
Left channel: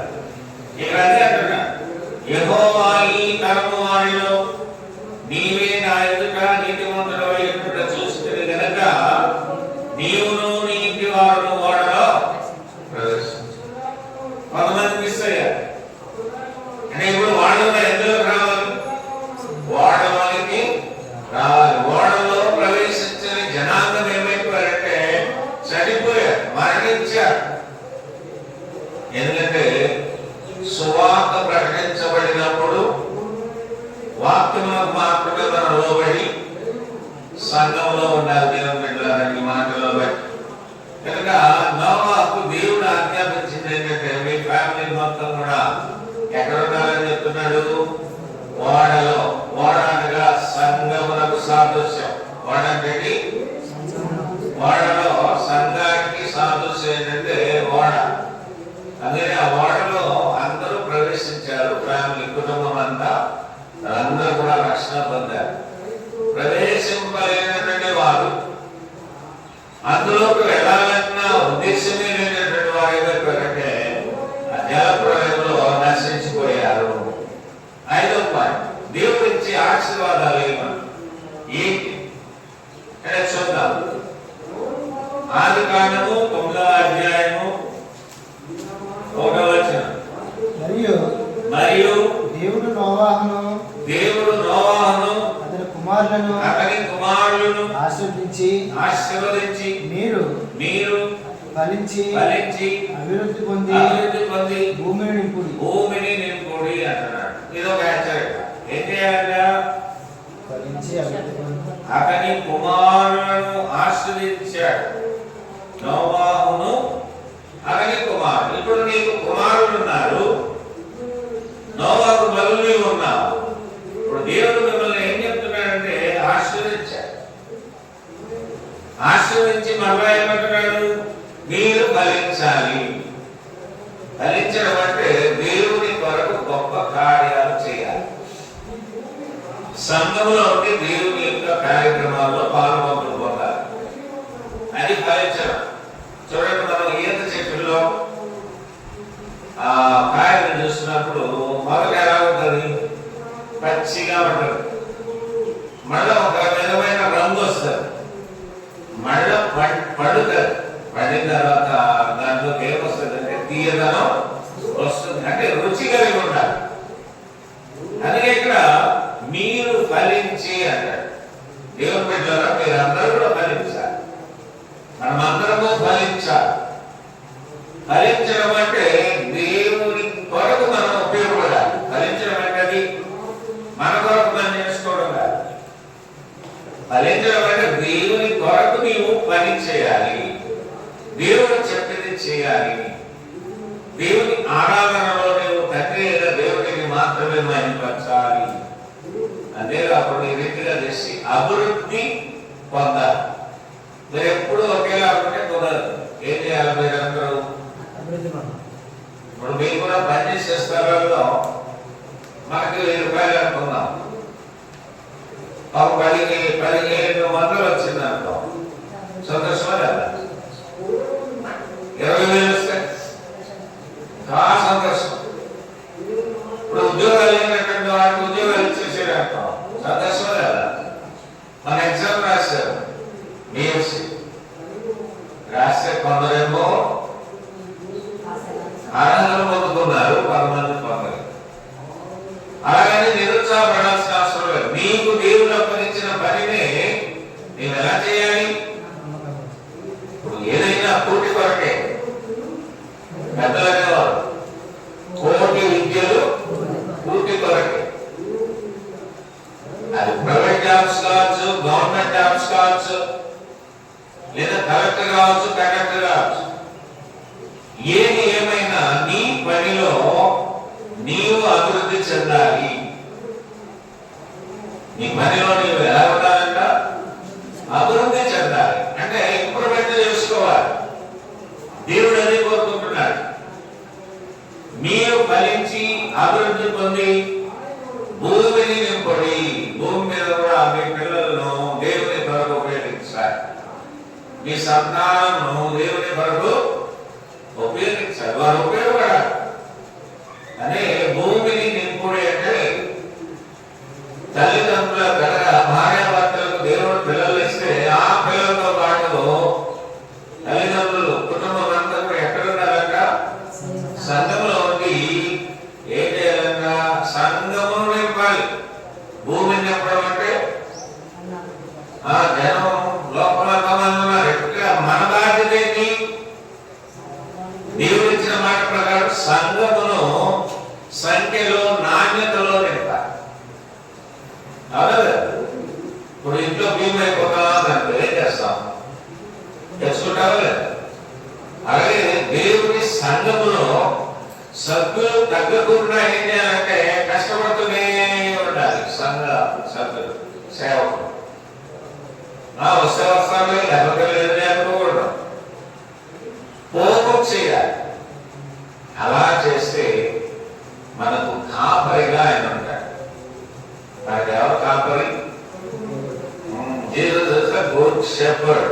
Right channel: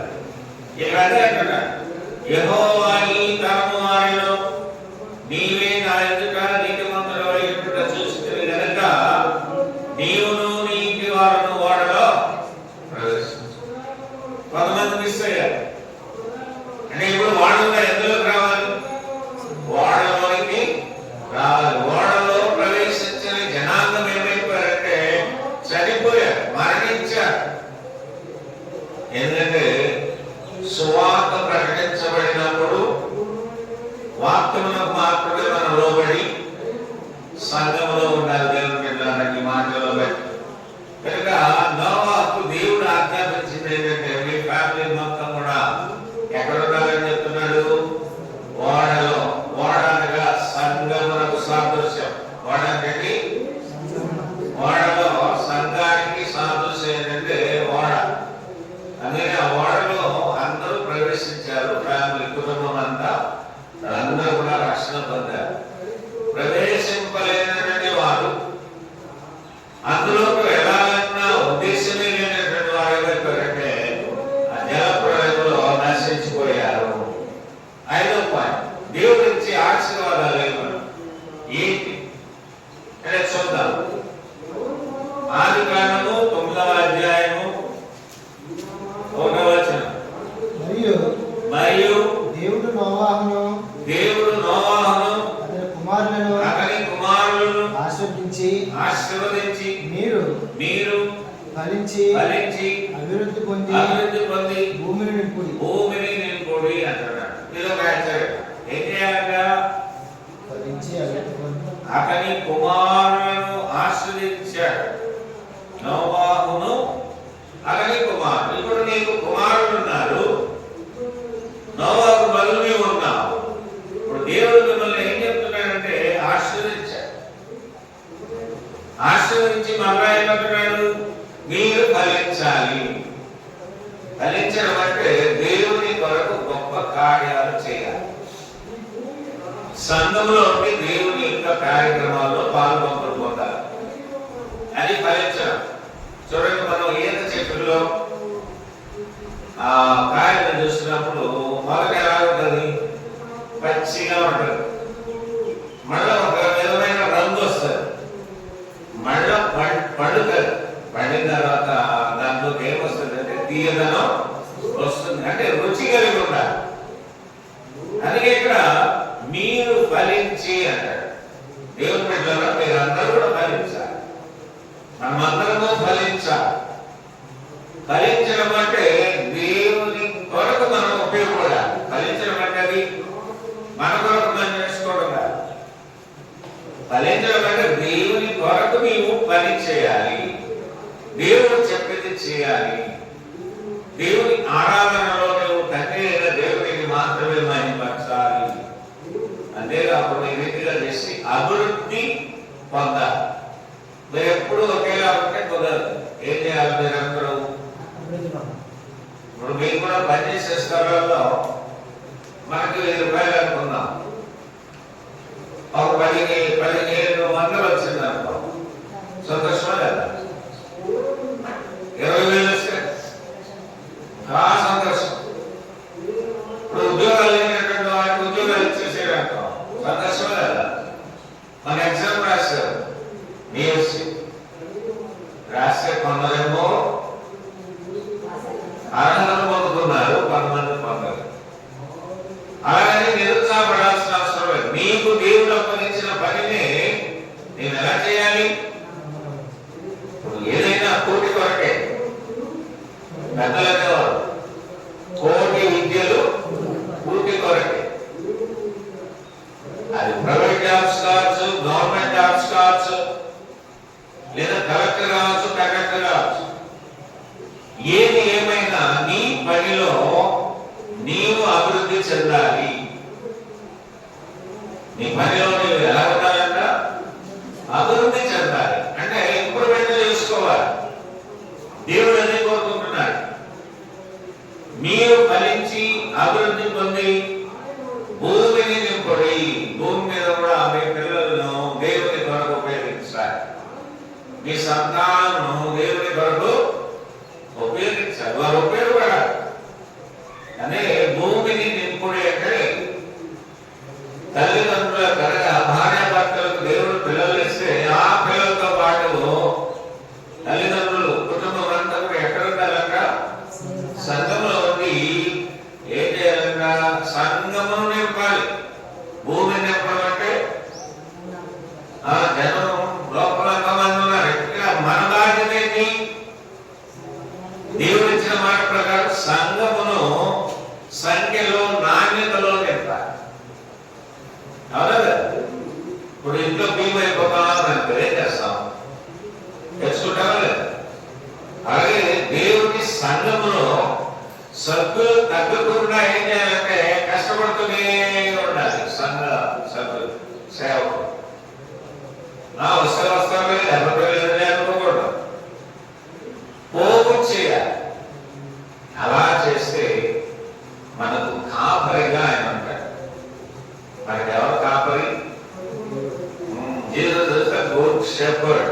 ఇక్కడ అదే అంటున్నా, యెహోవా ఈ తరము వారిలో నీవే నా ఎదుట నీతిమంతుడవై ఉండుట చూసితిని గనుక నీవును నీ ఇంటి వారును ఓడలో ప్రవేశించు. కొంతమంది మిస్ అయ్యారు. అంటే ఇప్పుడు వాడలో ఎందులోకి రావాలి? ఓడలోకి రావాలి. ఓడలో ప్రవేశించిన జనాంగం ఏమైపోయారంటే చనిపోయారు, మరణించారు. ఎందుకంటే సువార్త ప్రకటించబడినప్పుడు వాక్యములకు మాత్రమే మనం లోబడి సంఘంలో ఉండాలి. దేవుని బిడ్డలారా, ఈ మాటలో బట్టి కనుక నోవాహుకు దేవుడు ఆజ్ఞాపించింది ఏంటంటే, మీ ఫ్యామిలీ మొత్తం కూడా ఎక్కడ ఉండాలని చెప్తున్నాడు? ఓడలో. ఓడ అనగా సంఘమునకు సాదృశ్యం. ఓడ అంటే ఓడలో సంఘానికి సాదృశ్యం ఏంటంటే ఓడ. అందుకని ఆ ఓడలో అందరూ ప్రవేశించారు. ఫ్యామిలీ కుటుంబం అంతా అందరూ కూడా రక్షణ పొందారు. ప్రవేశింపలేనటువంటి వారు, అందులోకి వెళ్ళాలన్న ఉద్దేశమే లేనటువంటి వారు ఏమైపోయారంటే ఆ జలప్రలయంలో నశించిపోయారు. 5వ పాయింట్, దేవుడి నుంచి ఆశీర్వాదాలు ఏంటి అంటే చూద్దాం. ఆదికాండము 9వ అధ్యాయము 1వ వచనం. మరియు దేవుడు నోవాహును అతని కుమారులను ఆశీర్వదించి మీరు ఫలించి అభివృద్ధి పొంది భూమిని నింపుడి అంటున్నాడు. ఇది ఒక హెచ్చరిక. ఏం చేయాలట? ఫలించి అభివృద్ధి పొంది. అతని కుమారులను ఆశీర్వదించాడు. నోవాహును అతని కుమారుడు. ఇప్పుడు నీకు కుమారులు ఉన్నారు, నోవాహు బలుని ఉన్నావు. ఇప్పుడు దేవుడు మిమ్మల్ని ఏం చెప్తున్నాడంటే ఆశీర్వదించాడు. ఆశీర్వదించి మరలా ఏమంటున్నాడు? మీరు ఫలించాలి. ఫలించడం అంటే దేవుని కొరకు గొప్ప కార్యాలు చేయాలి. సంఘంలో ఉండి దేవుని యొక్క కార్యక్రమాల్లో పాల్గొనలు పొందాలి. అది ఫలించడం. చూడండి, మనం ఈత చెట్టులో ఆ కాయలు చూసినప్పుడు మొదలు ఎలా ఉంటుంది? పచ్చిగా ఉంటుంది. మళ్ళీ ఒక విధమైన రంగు వస్తుంది. మళ్ళీ పండుతుంది. పండిన తర్వాత తీయదనం వస్తుంది. అంటే రుచి కలిగి ఉండాలి. అందుకే ఇక్కడ మీరు ఫలించి అంటారు. దేవుని బిడ్డలారా మీరందరూ కూడా ఫలించాలి. మనమందరము ఫలించాలి. ఫలించడం అంటే దేవుని కొరకు మనం ఉపయోగపడాలి. ఫలించడం అంటే అది మన కొరకు మనం చేసుకోవడం కాదు. ఫలించడం అంటే దేవుని కొరకు నీవు పని చేయాలి. దేవుడు చెప్పింది చేయాలి. దేవుని ఆరాధనలో నీవు తండ్రి అయిన దేవునికి మాత్రమే మహిమపరచాలి. అంతేకాకుండా ఈ రీతిగా చేసి అభివృద్ధి పొందాలి. మీరు ఎప్పుడు ఒకేలా ఉంటే కుదరదు. ఏం చేయాలి మీరందరూ? ఇప్పుడు మీరు కూడా పనిచేసే స్థలాల్లో మనకి 1000 రూపాయలు అనుకుందాం. ఒక 1500 వచ్చిందనుకో, సంతోషమా లేదా? 20,000 వస్తే చాలా సంతోషం. ఇప్పుడు ఉద్యోగాలు ఏమైనటువంటి వారికి ఉద్యోగాలు ఇచ్చేసారు అనుకో, సంతోషమా లేదా? మన ఎగ్జామ్ రాశారు, బిఎస్సి రాస్తే కొందరేమో అర్హతలు పొందుకున్నారు, కొంతమంది పొందరు. అలాగని నిరుత్సాహపడాల్సిన అవసరం లేదు. నీకు దేవుడు అప్పగించిన పనిని నేను ఎలా చేయాలి? ఇప్పుడు ఏదైనా పూర్తి కొరకే. పెద్దలనే వారు కోటి విద్యలు పూర్తి కొరకే. అది ప్రైవేట్ జాబ్స్ కావచ్చు, గవర్నమెంట్ జాబ్స్ కావచ్చు, లేదా కలెక్టర్ కావచ్చు, కండక్టర్ కావచ్చు. ఏది ఏమైనా నీ పనిలో నీవు అభివృద్ధి చెందాలి. నీ పనిలో నీవు ఎలా ఉండాలంట? అభివృద్ధి చెందాలి. అంటే ఇంప్రూవ్మెంట్ చేసుకోవాలి. దేవుడు అదే కోరుకుంటున్నాడు. మీరు ఫలించి అభివృద్ధి పొంది భూమిని నింపడి, భూమి మీద కూడా మీ పిల్లలను దేవుని కొరకు ఉపయోగించాలి. మీ సంతానము దేవుని కొరకు ఉపయోగించాలి. వారు ఉపయోగపడాలి. అనే భూమిని నింపుడి అంటే తల్లిదండ్రుల కనుక భార్యాభర్తలకు దేవుడు పిల్లలు ఇస్తే ఆ పిల్లలతో పాటు తల్లిదండ్రులు కుటుంబం అంతా కూడా ఎక్కడ ఉండాలంట? సంఘంలో ఉండి ఏం చేయాలంట? సంఘమును నింపాలి. భూమిని నింపడం అంటే ఆ జనం లోపల ఎంతమంది ఉన్నారు? ఇక్కడ మన బాధ్యత ఏంటి? దేవుడు ఇచ్చిన మాట ప్రకారం సంఘమును సంఖ్యలో నాణ్యతలో నింపాలి. అవునా? ఇప్పుడు ఇంట్లో భీమ అయిపోతాం ఏం చేస్తాం? తెచ్చుకుంటావా లేదా? అలాగే దేవుని సంఘములో సభ్యులు తగ్గకుండా ఏం చేయాలంటే కష్టపడుతూనే ఉండాలి. సంఘ సభ్యులు సేవకులు వస్తారు లేకపోతే లేదని అనుకోకూడదు. పోగు చేయాలి. అలా చేస్తే మనకు కాపరిగా ఆయన ఉంటాడు. మనకి ఎవరు కాపరి? Good shepherd.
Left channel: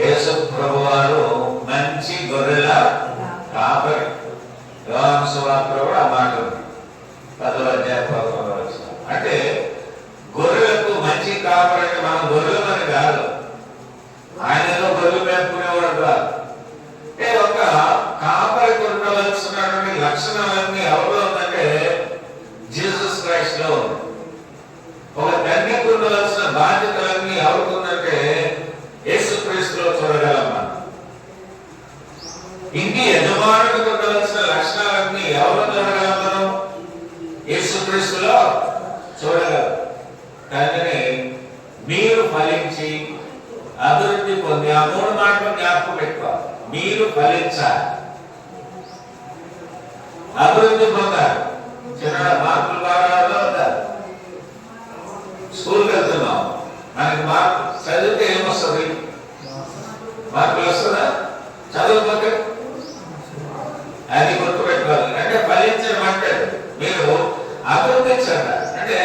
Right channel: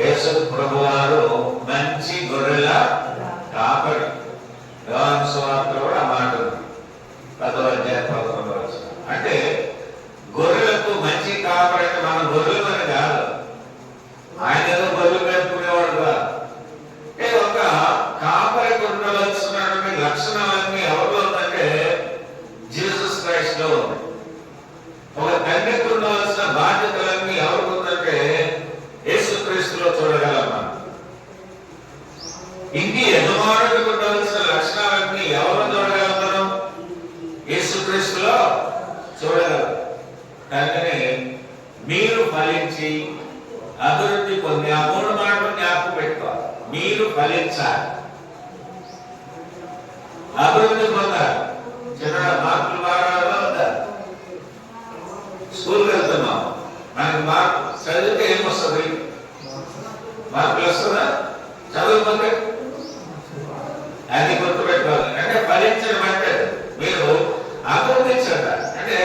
యేసు ప్రభువారు మంచి గొర్రెల కాపరి. యోహాను సువార్తలో కూడా ఆ మాట ఉంది. 10వ అధ్యాయం 11వ వచనం. అంటే గొర్రెలకు మంచి కాపరి అంటే మన గొర్రెలని కాదు, ఆయన ఏదో గొర్రెలు మేపుకునేవాడు కాదు. ఒక కాపరికి ఉండవలసినటువంటి లక్షణాలన్నీ ఎవరిలో ఉందంటే జీసస్ క్రైస్ట్ లో ఉంది. ఒక తండ్రికి ఉండవలసిన బాధ్యతలన్నీ ఎవరికి ఉందంటే యేసుక్రీస్తులో చూడగలం మనం. ఇంటి యజమానుడికి ఉండవలసిన లక్షణాలన్నీ ఎవరు చూడగలం మనం? యేసుక్రీస్తులో చూడగలం. కానీ మీరు ఫలించి అభివృద్ధి పొంది ఆ 3 మాటలు జ్ఞాపకం పెట్టుకోవాలి. మీరు ఫలించాలి, అభివృద్ధి పొందాలి. చిన్న మార్కులు బాగా ఉండాలి. స్కూల్కి వెళ్తున్నాం, మనకి మార్కు చదివితే ఏమొస్తుంది? మార్కులు వస్తుందా? చదువుకుంటే అది గుర్తుపెట్టుకోవాలి. అంటే ఫలించడం అంటే మీరు అభివృద్ధి చెందాలి. అంటే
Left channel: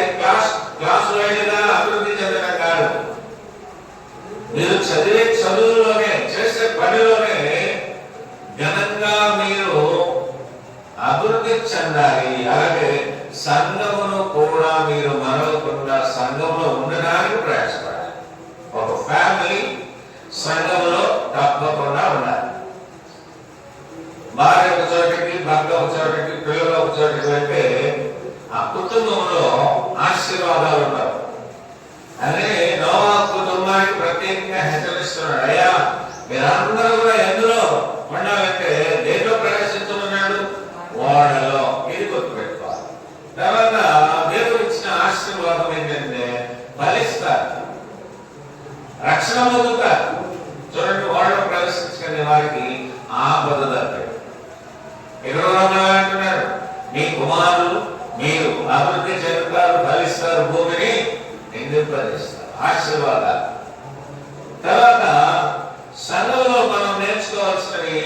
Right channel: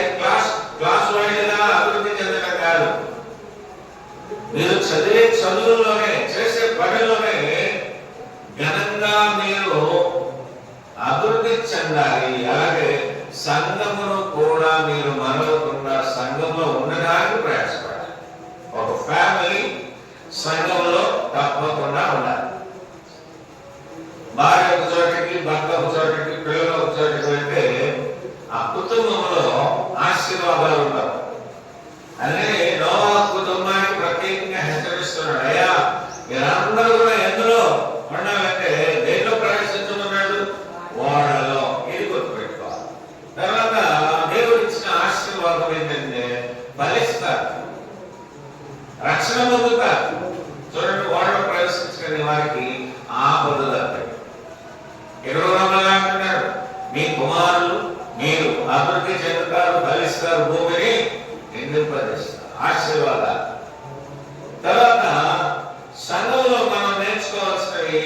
క్లాస్ వైడ్ గా అభివృద్ధి చెందడం కాదు. మీరు చదివే చదువులోనే, చేసే పనిలోనే ఘనంగా మీరు అభివృద్ధి చెందాలి. అలాగే సంఘమును కూడా మీరు మరవకుండా సంఘంలో ఉండడానికి ప్రయాసపడాలి. ఒక ఫ్యామిలీ సంఘంలో తప్పకుండా ఉండాలి. భార్య ఒక చోటికి, భర్త ఒక చోటికి, పిల్లలు ఒక చోటికి వెళ్తే ఆ కుటుంబంలో ఆశీర్వాదాలు ఉండవు. అదే నోవహు కుటుంబానికి ప్రత్యేకంగా హెచ్చరిస్తున్నాడు, అయ్యా మీరందరూ కూడా ఎందులో ఉండాలంటే దేంట్లో ప్రవేశించమన్నాడు? ఓడలో. ఇది గుర్తుపెట్టుకోవాలి. తర్వాత దేవుడు ఇచ్చిన ఆశీర్వాదం ఏంటంటే ఫలిస్తారు, రక్షణ పొందుతారు. చూడండి, ఓడలో ప్రవేశించుకునే వారికి ఆపద తప్పదు. అంటున్నాడు, మీ కుమారులు మీరు అభివృద్ధి చెందుతారు, ఫలిస్తారు, భూమిని నిందింపజేస్తారు. ఆశీర్వాదాలు. తర్వాత సంఘంలో మనం నేర్చుకోవాల్సినవి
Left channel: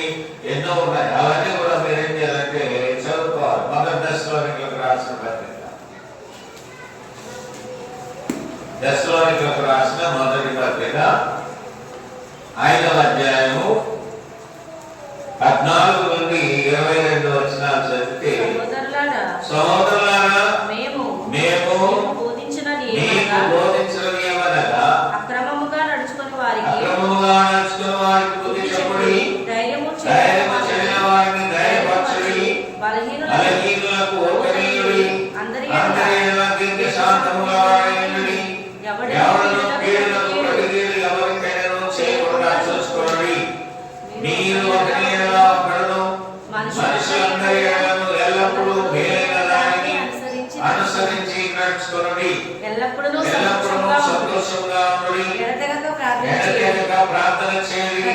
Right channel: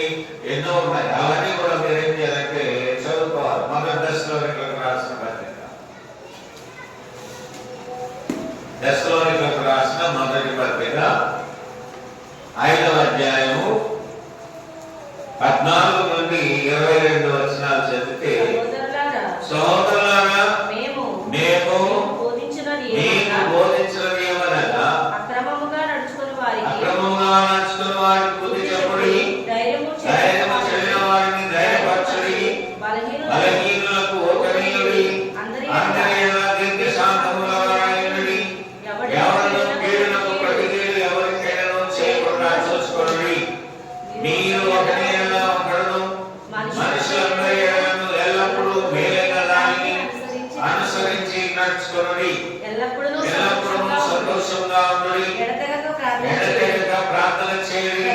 ఎన్నో ఉన్నాయి. అవన్నీ కూడా మీరు ఏం చేయాలంటే చదువుకోవాలి. మొదటి దశలోనికులకు రాసిన పత్రిక, దశలోనికులకు రాసిన మొదటి పత్రిక 5వ అధ్యాయము 14 నుండి 22 వచనాలు చదివితే, సహోదరులారా మేము మీకు బోధించినది ఏమనగా అక్రమముగా నడుచుకుని వారికి బుద్ధి చెప్పుడి, ధైర్యము చేయని వారిని ధైర్యపరచుడి, బలహీనులకు ఓర్వనీయుడి, అందరి శాంతముగా వాడేయుడి, ఎవరిని కీడులకు ప్రతికీడు ఎవరికైనా చేయకుండా చూసుకోండి. మీరు ఒకరి ఎడల ఒకడును మనుషులందరి ఎడలను ఎల్లప్పుడూ మేలైన దానిని అనుసరించి నడుచుకోండి. ఎల్లప్పుడూ సంతోషంగా ఉండి, ఎడతెగక ప్రార్థన చేయండి.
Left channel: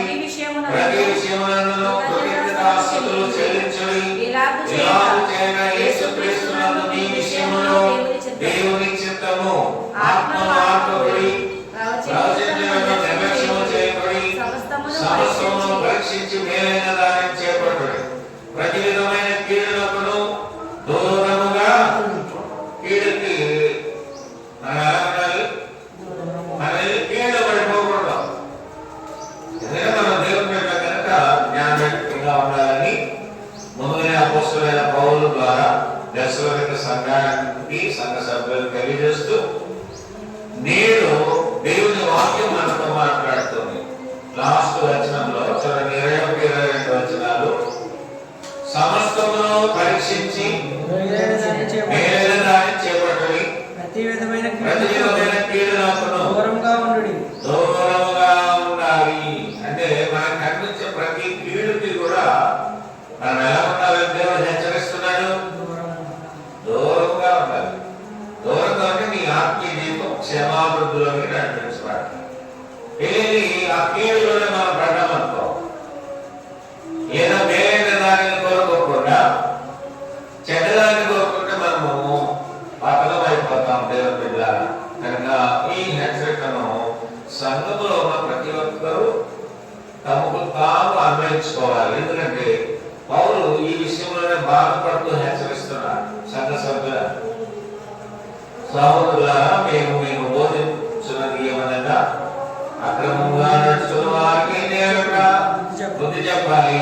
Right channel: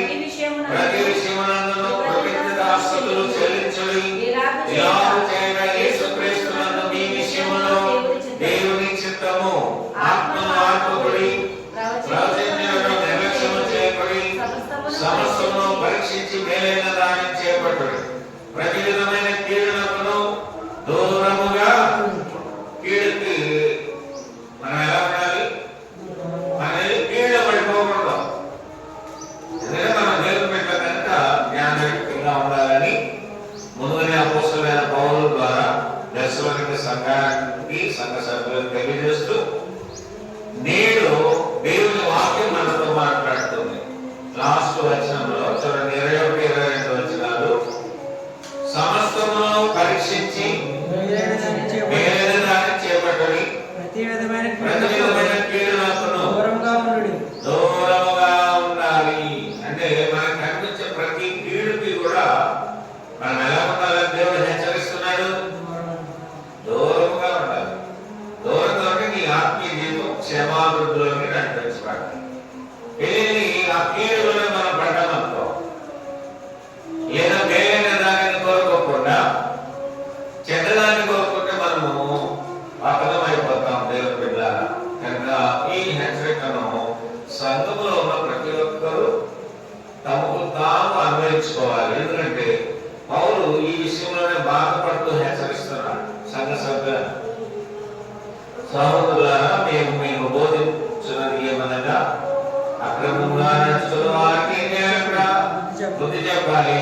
ప్రతి విషయమునందును కృతజ్ఞతాస్తుతులు చెల్లించుడి. ఇలాగు చేయగా యేసుక్రీస్తునందు మీ విషయములో దేవుని చిత్తము ఆత్మమార్పుడి, ప్రవచించుటకు నిర్లక్ష్యము చేయబడి సమస్తమును పరీక్షించి మేలైన దానిని చేపట్టుడి. ప్రతి విధమైన కీడులకును దూరముగా, కీడుకి మనం ఎలా ఉండాలి? మనది కీడు పడిపోకూడదు. ఎందుకంటే మనం దేవుని బిడ్డ కనుక జ్ఞానయుక్తంగా ఉండాలని ముందుగానే అపోస్తలుడైన పౌలు ద్వారా దశలోనిక సంఘానికి, సంఘ సభ్యులకు తెలియజేస్తూ, నేడు దేవుని వాక్యం మనతో మాట్లాడుతుంది. లాస్ట్ వచనంలో చూడండి, 21-22 వచనాలు, సమస్తమును పరీక్షించి మేలైన దాన్ని చేపట్టుడి, ప్రతి విధమైన కీడులకు దూరంగా ఉండుడి. దూరముగా ఉండాలి. అంటే మనకు కనిపించే ప్రతి కీడుకి కూడా మనం ఎలా ఉండాలని దేవుడు హెచ్చరిస్తున్నాడు? దూరంగా ఉండాలి. దూరంగా ఉంటే నీ ఆత్మీయ జీవితం క్షేమాభివృద్ధిలోకి నడిపించబడాలి. ఏది ఆ కీడులోనే మనం పడ్డామనుకో, ఏదో మేలైన దానిని కోరుకోకుండా చెడ్డదాన్ని కోరుకుంటే మనము పతనం అయిపోతాం దేవుని బిడ్డ. కనుక ఈ హెచ్చరికను సంఘములో ఉన్న ప్రతి ఒక్కరూ తమకు తాము అన్వయించుకోవాలి. ఎందుకంటే పౌలు ఈ విషయంలోనే బాధపడుతూ హెచ్చరిస్తున్నాడు సంఘ సభ్యుల, సహోదరులారా మేము బోధించున్నది ఏమనగా అక్రమంగా నడుచుకున్న వారికి బుద్ధి చెప్పాలి,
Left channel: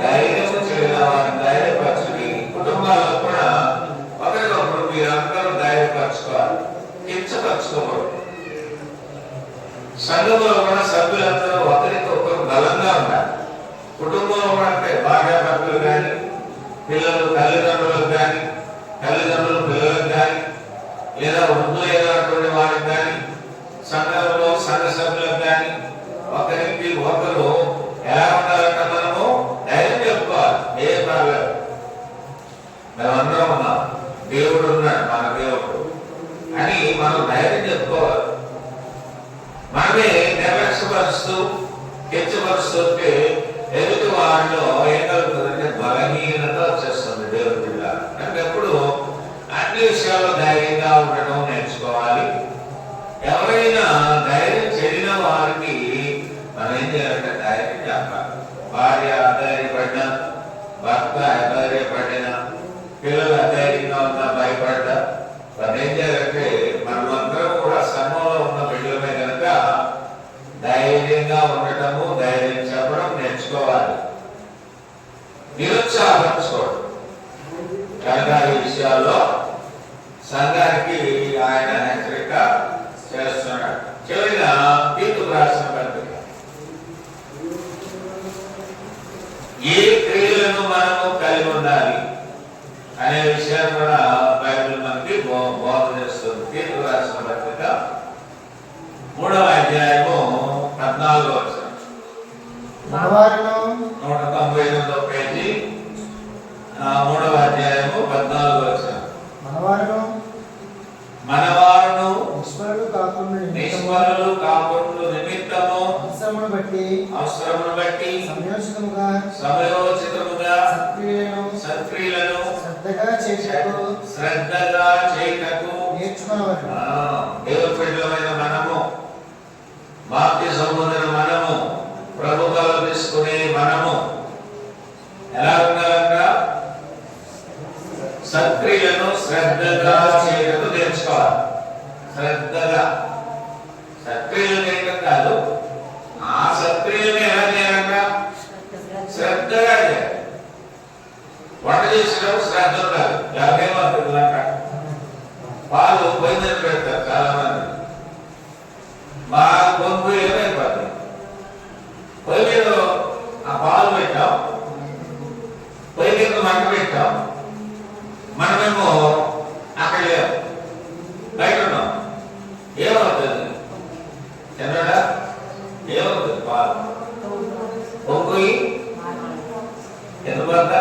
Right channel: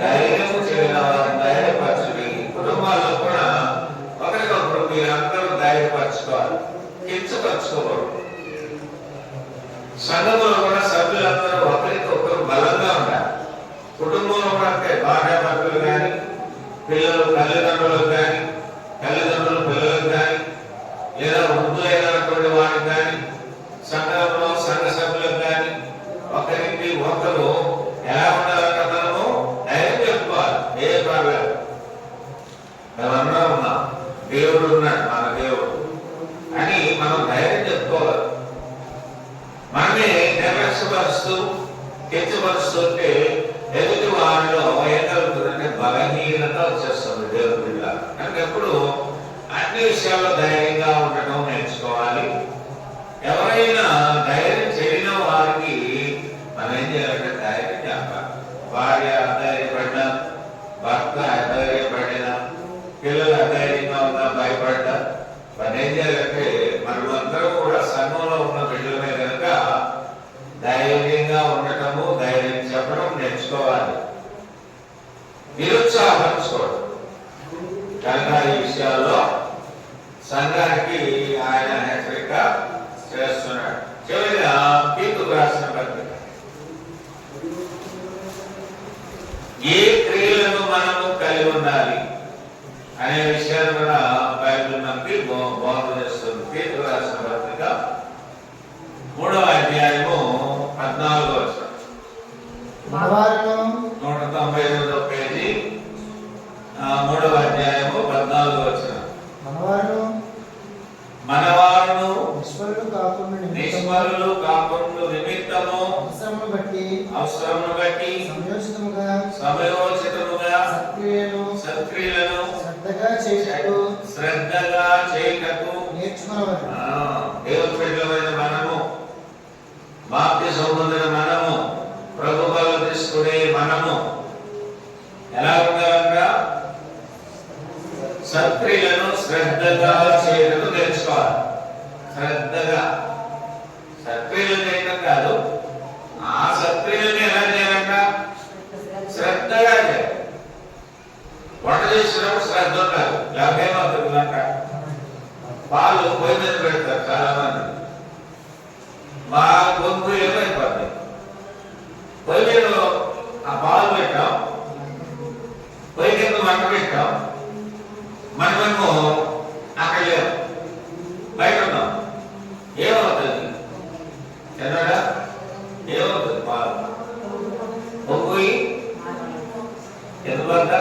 ధైర్యము చేయని వారిని ధైర్యపరచుడి. కుటుంబాల్లో కూడా ఒకరికొకరు మీరందరూ ధైర్యపరచుకోవాలి, కించపరచుకోకూడదు. సంఘంలో కూడా సభ్యులందరూ ఒకరికొకరు బలంగా ఉండాలి. కుటుంబంలో కూడా అంటే భార్యాభర్తలు కానీ, పిల్లలు తల్లిదండ్రులకు కానీ, తల్లిదండ్రులు పిల్లలకు కానీ, లేదా వృద్ధులైనటువంటి వారికి కానీ, సంఘంలో సంఘ సభ్యులకు కానీ ఒకరికి ఒకరు ఎలా ఉండాలంటే మనము ధైర్యం చెప్పుకోవాలి. ఏ ప్రాబ్లం, మేమందరం ఉన్నాం, దేవుడు ఉన్నాడు, మన దేవుడు అని మనం ధైర్యం చెప్పుకోవాలి. మనమే నిర్లక్ష్యపరుస్తూ కించపరుస్తుంటే ఎదుటి వారిలో ఏం కలుగుతుందంటే బలహీనత వచ్చేస్తుంది. దేవుడి బిడ్డ అంటే ఎప్పుడు అన్ని విషయాల్లో ధైర్యంగా ఉండటం నేర్చుకోవాలి. ఎవరైనా ధైర్యం చేయని వారికి మనం ఏం చేయాలంటే ధైర్యం చెప్పాలి. భార్య అధైర్యపడ్డా, భర్త అధైర్యపడినా, పిల్లలు అధైర్యంగా ఉన్నా, భయపడ్డా, మనం ఏం చేయాలంటే మనమందరం కూడా సంఘంలో ఉన్న బిడ్డలమే కనుక ధైర్యంగా ఉండటము, ధైర్యం చెప్పడం నేర్చుకోవాలి. నిరుత్సాహపరచుకోవడం. కనుక ఈ విషయాల్లో సంఘానికి ఆయన హెచ్చరిక చేస్తున్నాడు. చివరిగా తీర్పు రాసిన పత్రిక, ఏ క్రియలను కలిగి ఉండాలి అనే విషయాన్ని కూడా బైబిల్ మనకి బోధ చేస్తుంది. తీర్పు రాసిన పత్రిక 3వ అధ్యాయము 14వ వచనం. మనవారును 198వ పేజీ 3వ అధ్యాయము 14వ వచనం. మనవారును నిష్ఫలులు కాకుండా నిమిత్తము అవసరమును బట్టి సమయోచితముగా సత్క్రియలను శ్రద్ధగా చేయుటకు దేవుని బిడ్డలమైన మనము, బాప్తిసం పొందిన మనము, ప్రభు బలం తీసుకునే మనము ఎలా ఉండాలంట? సత్క్రియలను శ్రద్ధగా చేయడం తెలుసుకోవాలి. శ్రద్ధగా సత్క్రియలు చేయడం కాదు, ఆ సత్క్రియలను ఎలా చేయాలంట? శ్రద్ధగా చేయాలి. వంట చేసినప్పుడు శ్రద్ధ ఉండాలి. లేకపోతే పాలు పొయ్యి మీద పెడతారు చాలా మంది. మా గొంతు ఏమైపోద్ది, పొయ్యి మీద ఆ పాలు పెట్టాం, పొయ్యి కింద మంట పెట్టాం, మనమేమో అక్కడ లేవు, బయట ఉన్నాం. ఏమవుతుంది? తినడా? ఏమవుతుంది? పాలు పొంగి ఎందువల్ల?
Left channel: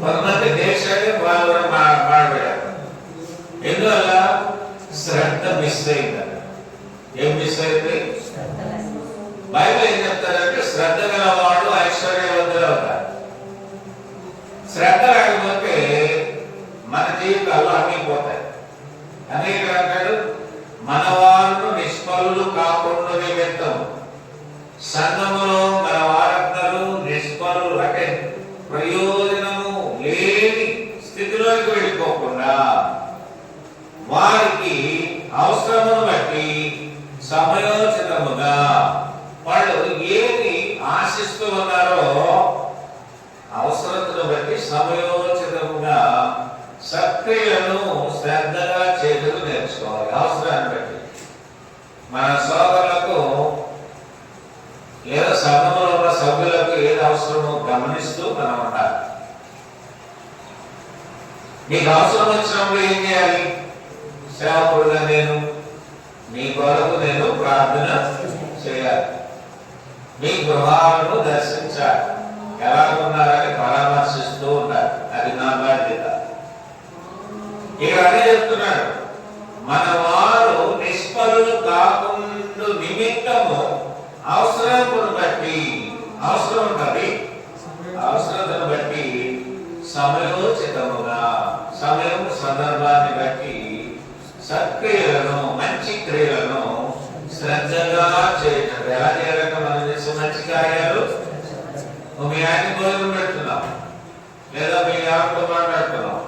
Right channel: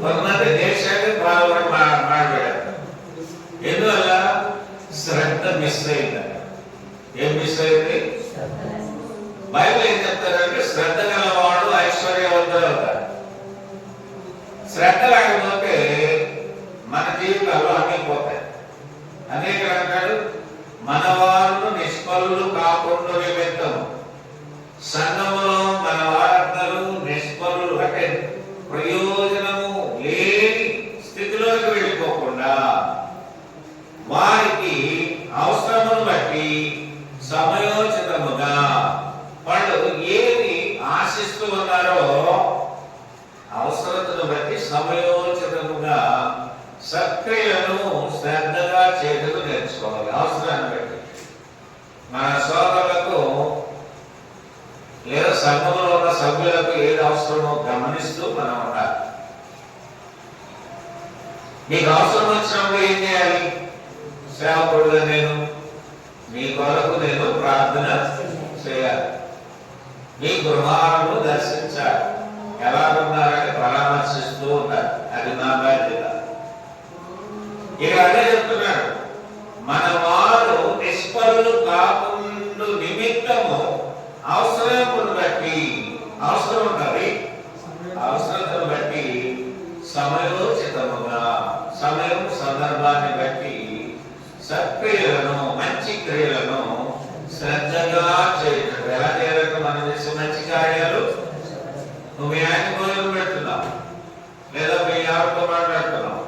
కొంతమంది దేశాన్ని పాలు మాడబెడతారు. ఎందువల్ల? శ్రద్ధ మిస్ అయింది. ఏం మిస్ అయింది? బైబిల్ ఏం చెప్తారంటే శ్రద్ధ గలవాడు ఐశ్వర్యవంతులు అవుతారు. శ్రద్ధ లేకపోతే మన జీవితాల్లో అన్నీ పోతాయి. అనేక అంటాడు, మన వారు నిష్ఫలులు కాకుండా నిమిత్తము. సంఘంలో మన వారందరూ నిష్ఫలులు అంటే ప్రయోజనము లేని స్థితిలోకి వెళ్ళిపోకుండా వారికి అవసరమును బట్టి సమయోచితముగా వాళ్ళు ఏది ఆశిస్తూ ఉన్నారో అవసరతను బట్టి సమయోచితముగా సత్క్రియలను శ్రద్ధగా చేయడం నేర్చుకోవాలి. అవసరాన్ని బట్టి మన సోదరులకు లేదా సంఘంలో ఉన్న సభ్యులకు ఏది అవసరమో గమనిస్తూ మనం ఉండాలి. నీకు అవసరం వచ్చినప్పుడు ఏం చేయాలి? సేవకుడుగా నేను నీ కొరకు నేను ప్రార్థన చేయాలి, మీ గృహాలను దర్శించాలి, ఎలాగున్నారని పరామర్శిస్తూ ఉండాలి. అది నా బాధ్యత. ఇక్కడ అదే చెప్తున్నాడు, మన వారు నిష్ఫలులు కాకుండా నిమిత్తము అవసరమును బట్టి, అవసరం ఉన్నది, అవసరతను బట్టి సమయోచితముగా, సమయం సందర్భాన్ని బట్టి సత్క్రియలను, మంచి క్రియలను శ్రద్ధగా చేయటం. ఎలా చేయాలంటే మనం చేసే మంచి కార్యాలు, మీ ఆయన భోజనం పెడుతున్నాం లేదా మీ ఎవరితో మాట్లాడుతున్నాం,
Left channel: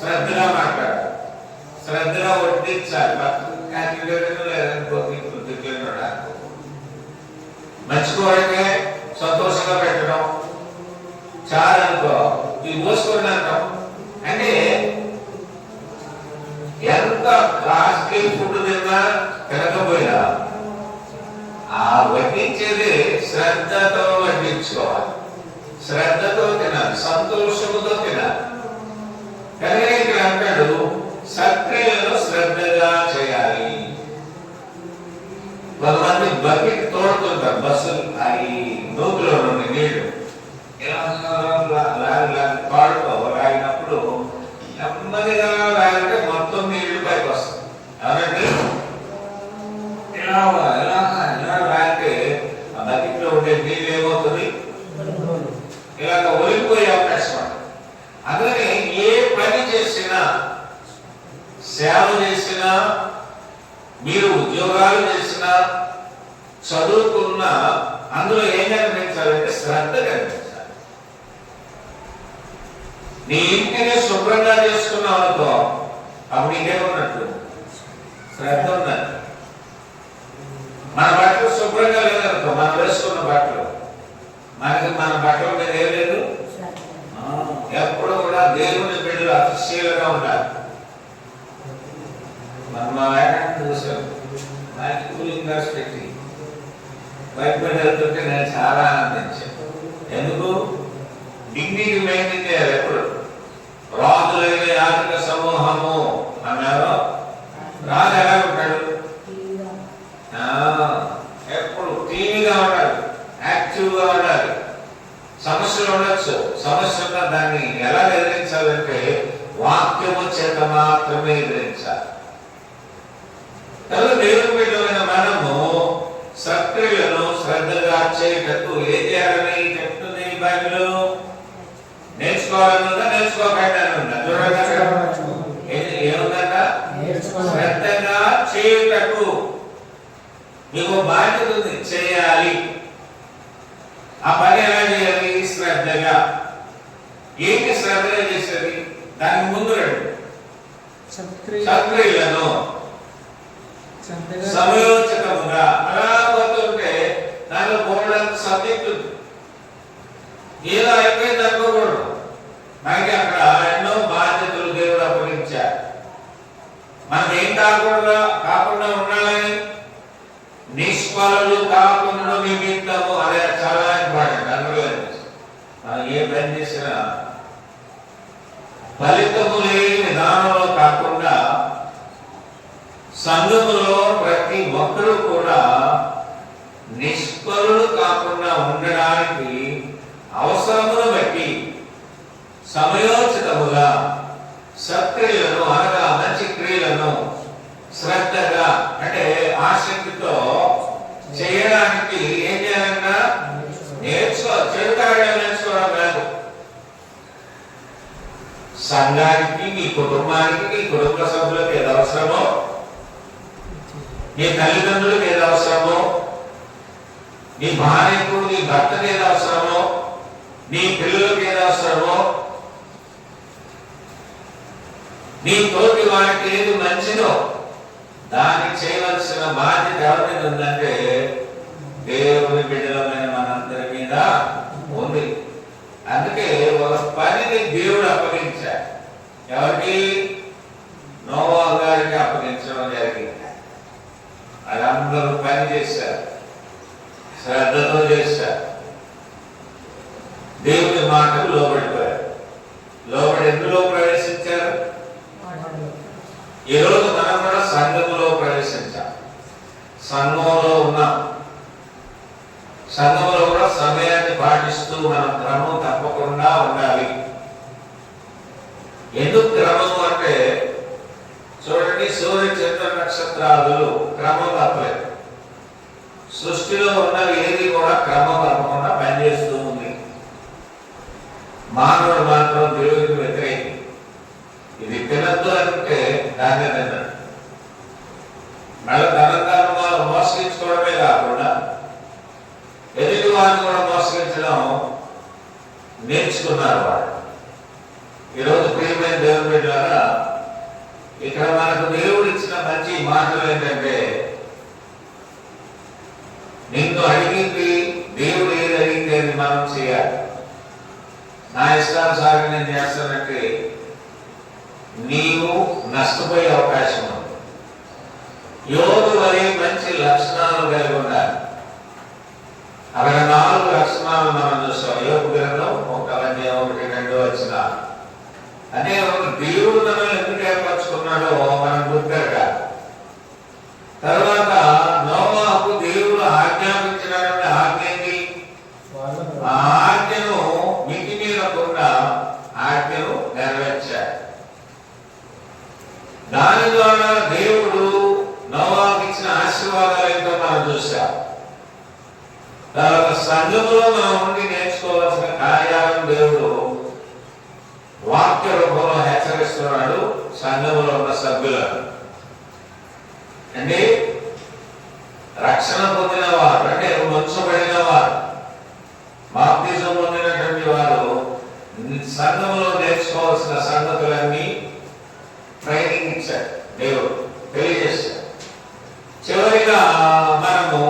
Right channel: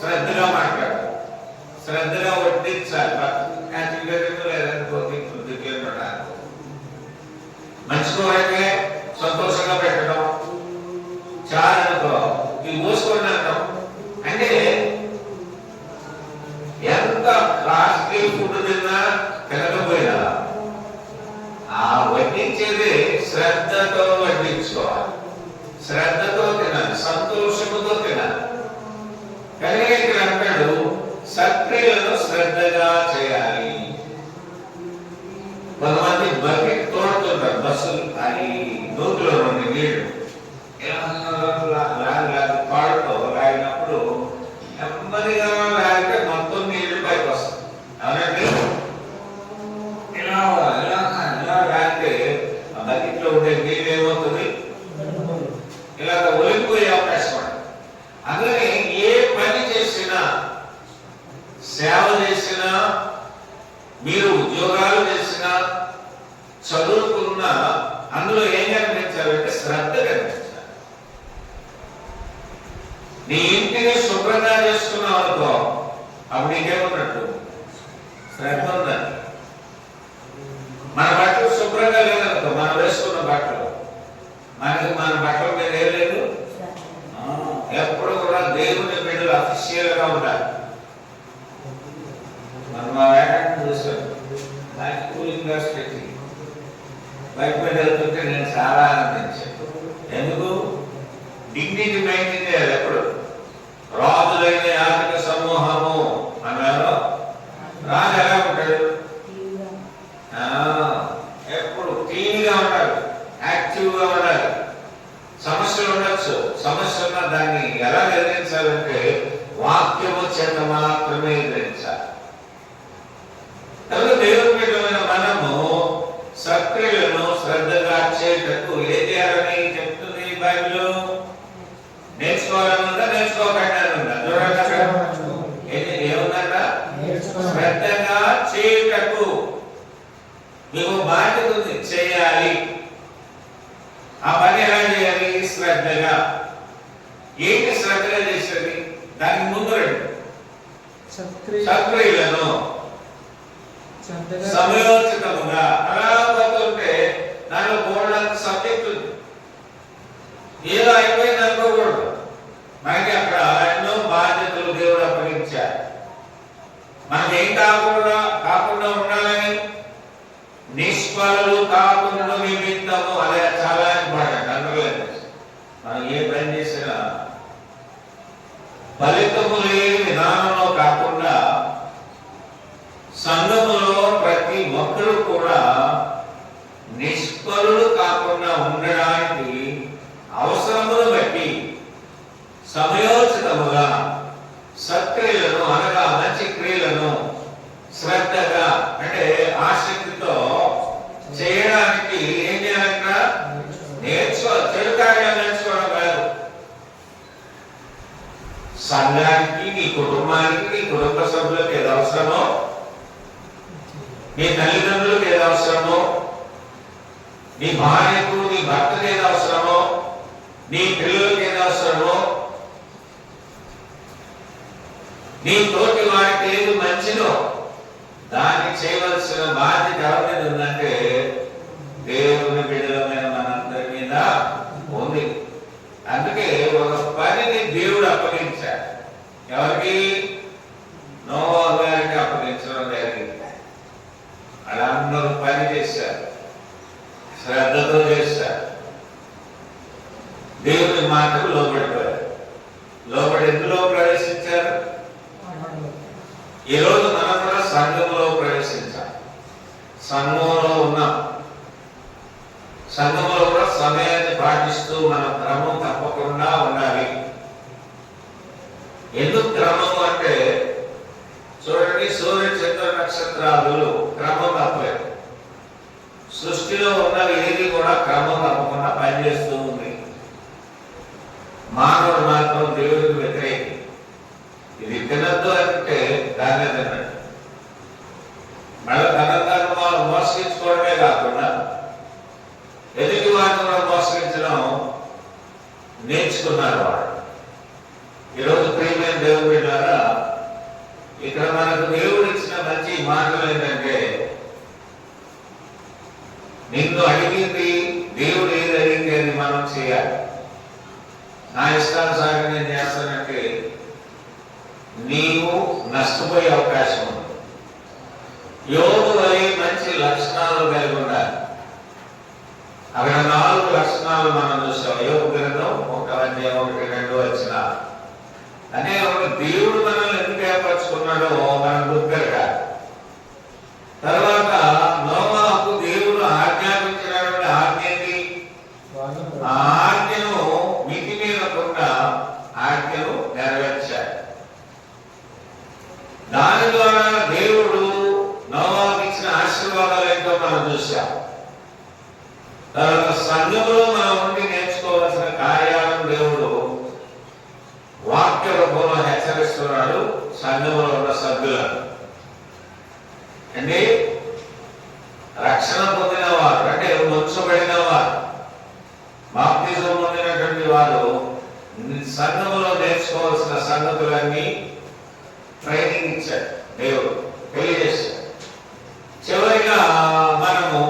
శ్రద్ధగా మాట్లాడాలి, శ్రద్ధగా వడ్డించాలి. మంచి కోరికే సంతోషంగా పెట్టడం, చాలనుకో ఇవి పోసుకొని అంటాం. అంటే ఎంత క్లాస్కి ఫుడ్ తిన్నా తినకపోయినా ఆ వడ్డించేది శ్రద్ధతో వడ్డించుకోవాలి, శ్రద్ధతో తినాలి, సంతోషముతో తినాలి. కనుక ఇక్కడ అంటాడు సత్క్రియలను శ్రద్ధగా చేయాలి. కొంతమంది బకెట్ తోడుతుంటారు, బస్సులు అది నూతులో నుండి నీళ్లు పాడుకో లాగినప్పుడు నెమ్మదిగా లాగితే మొత్తం నీళ్లు పైకి వస్తాయి. అవునండి, ఇలా లాగితే ఆ బకెట్ లో ఉండే నీళ్ళు ఏమవుతుంది? ఇలాగ ఒలిగిపోయే అవకాశం ఉంది. అందుకని ఏ పని చేసినా, సేవ చేసినా, మీరు ఉద్యోగాలు చేసినా, చదువుకున్నా అందులో ఏం కనిపించాలంటే శ్రద్ధ కనిపించాలి. నీ ఇంటిని శుభ్రంగా చేసుకున్నావు అనుకో, అప్పుడు నీకేమన్నట్టు? శ్రద్ధ ఉన్నది. మన బట్టలు శుభ్రంగా లేదనుకో, మనం వేసుకున్న బట్టలు, మన బట్టల మీద ఏం లేదు. ఎప్పుడు కూడా దేవుని బిడ్డలు అతిశీలంగా ఉండాలి. మనం మా వేటాన్ని చూసాం, నాకు కూలింగ్ గ్లాస్ పెట్టి బయట వెళ్తుంటే నేను చాలా ఆనందించాను. ఎందుకు? డిగ్నిటీ మెయింటైన్ చేయాలి. ఎప్పుడు యాక్టివ్గా ఉండాలి. సమస్యలు ఉండొచ్చు, సమస్య ఉన్న దాన్ని ఎలా ఎదిరించాలంటే వాక్యము చేత మాత్రమే ఎదిరించాలి. కాబట్టి దేవుని బిడ్డలైన మనము సక్రియలను శ్రద్ధగా చేయటకు ఏం చేయాలని చెప్తుంది బైబిల్? నేర్చుకోవాలని ఉందా, నేర్చుకోకుండా ఉందా? చూడండి ఏముందట, శ్రద్ధగా చేయటకు మీకు బాధ్యత ఉంది, చేయాలి. ఆ పని ఎలా చేయాలి? శ్రద్ధగా. ఏంటి శ్రద్ధగా చేసేది? దానికి ముందు రండి. సక్రియలను సమయోచితముగా అలా పోతుంటే దానిలో పోవడానికి సబ్జెక్ట్ ఉంది. ఏదో అయిపోయింది అనుకోకూడదు. మనకి అక్కడ ఎన్నో బాధ్యతలు దేవుడు అప్పగించారు. మనకి ఏం కాకుండా ఉండాలని, నిష్ఫలులు కాకుండా నిమిత్తము, అదే చాలా ఇంపార్టెంట్. అందులో మనం ఏ పని చేసినా ఫలితము లేని విధానంలో కాకుండా సంఘములో ప్రతి ఒక్కరూ కూడా నిష్ఫలులు కాకుండా ఉండడానికి అవసరమును బట్టి సమయోచితముగా సత్క్రియలను అనగా మంచి క్రియలను శ్రద్ధగా అంటే ఆసక్తితో చేయడానికి ఏం చేయాలంట? నేర్చుకోవాలి. చెడు కార్యాలు నేర్చుకోవడం కాదు. సంఘానికి, నీ కుటుంబానికి, నీ కుటుంబ సభ్యులకు ఏది అవసరమో, నీ తల్లిదండ్రులకు ఏది అవసరమో, నీ భార్యకు నీ భర్తకు ఏది అవసరమో, నీ పిల్లలకు ఏది అవసరమో, నీ తోటి వారికి ఏది మంచిదో దాన్ని చేయవలసిన బాధ్యత ఎవరి మీద ఉందంటే దేవుని బిడ్డలమైన మనందరి మీద ఉంది. అందుకే ఒక పనిని దేవుడు అప్పగించాడు. ఎవరికి? నోవా గారికి అప్పగించడం జరిగింది. వాళ్ళందరూ పని చేశారు, శ్రద్ధతో చేశారు, దేవుని మాటకు లోబడిపోయారు. లోబడి ఎందులో ప్రవేశించారు? ఈ రోజు మనం కూడా సంఘంలో ప్రవేశించాం. సంఘంలో ఉన్నాం. సంఘంలో కూడా సమయాన్ని పాటిస్తూ మనం క్రమం తప్పకుండా ఉండాలి. ఎందుకు క్రమం అంటే చూడండి, సూర్య చంద్ర నక్షత్రాలు క్రమం తప్పలేదు. సృష్టిలో ఉన్నది ఏది కూడా క్రమం తప్పకుండా పనిచేస్తూ ఉంది. మానవుడు మాత్రం దేవుడికి వ్యతిరేకి. ఇది తినద్దు అంటే దాన్ని తిన్నాడు. మళ్ళీ తనంతాను వారు మోసగించుకోవడమే కాకుండా ఎదుటి వారిని కూడా మోసగించడం నేర్చుకున్నారు వాడు. ఈరోజు ప్రియమైన దేవుని బిడ్డలారా, ఇక్కడ మనకు దేవుడు ఇచ్చిన మంచి మాటలు ఏంటంటే, నిన్ను అడిగింది దేవుడు ఏది అడిగింది అది మనం చేయాలి. నా ఇష్టానుసారం నేను చేస్తానంటే నీవు నష్టపోయే అవకాశం ఉంది. యోగు వలె మంచి లక్షణాలు కలిగి ఉండాలి. అక్కడ 4 లక్షణాలు మనం చూస్తాం. యోగు గ్రంథం 1:1-2 వచ్చిన అంటే దేవుడు మనల్ని ఎందుకు ఏర్పరచుకున్నాడో మనం గుర్తుగా. తర్వాత నోవాహుకు దేవుడు ఆజ్ఞాపించినటువంటి ఆజ్ఞకి ఆ ఆజ్ఞను మితిమీరకుండా ఆజ్ఞను నెరవేర్చాడు. దాని ద్వారా దేవుడు నోవాహుకు ఇచ్చిన ఆశీర్వాదాలు ఏంటో మనం చూసాం. తర్వాత సంఘంలో మనం ఉండి నేర్చుకోవాల్సిన కార్యాలను దేవుడు వాక్య రూపంలో హెచ్చరిస్తున్నాడు సంఘంలో ఉన్న సభ్యులను. అంటే రక్షణ పొందిన వారు, అంటే వంచబడిన వారు, బాప్తిజం పొందినటువంటి వారు సంఘంలో నేర్చుకోవాల్సిన సంగతులన్నీ ట్రైనింగ్ ఇచ్చాడు, దేవుడు తెలియజేశాడు. చివరిగా మనము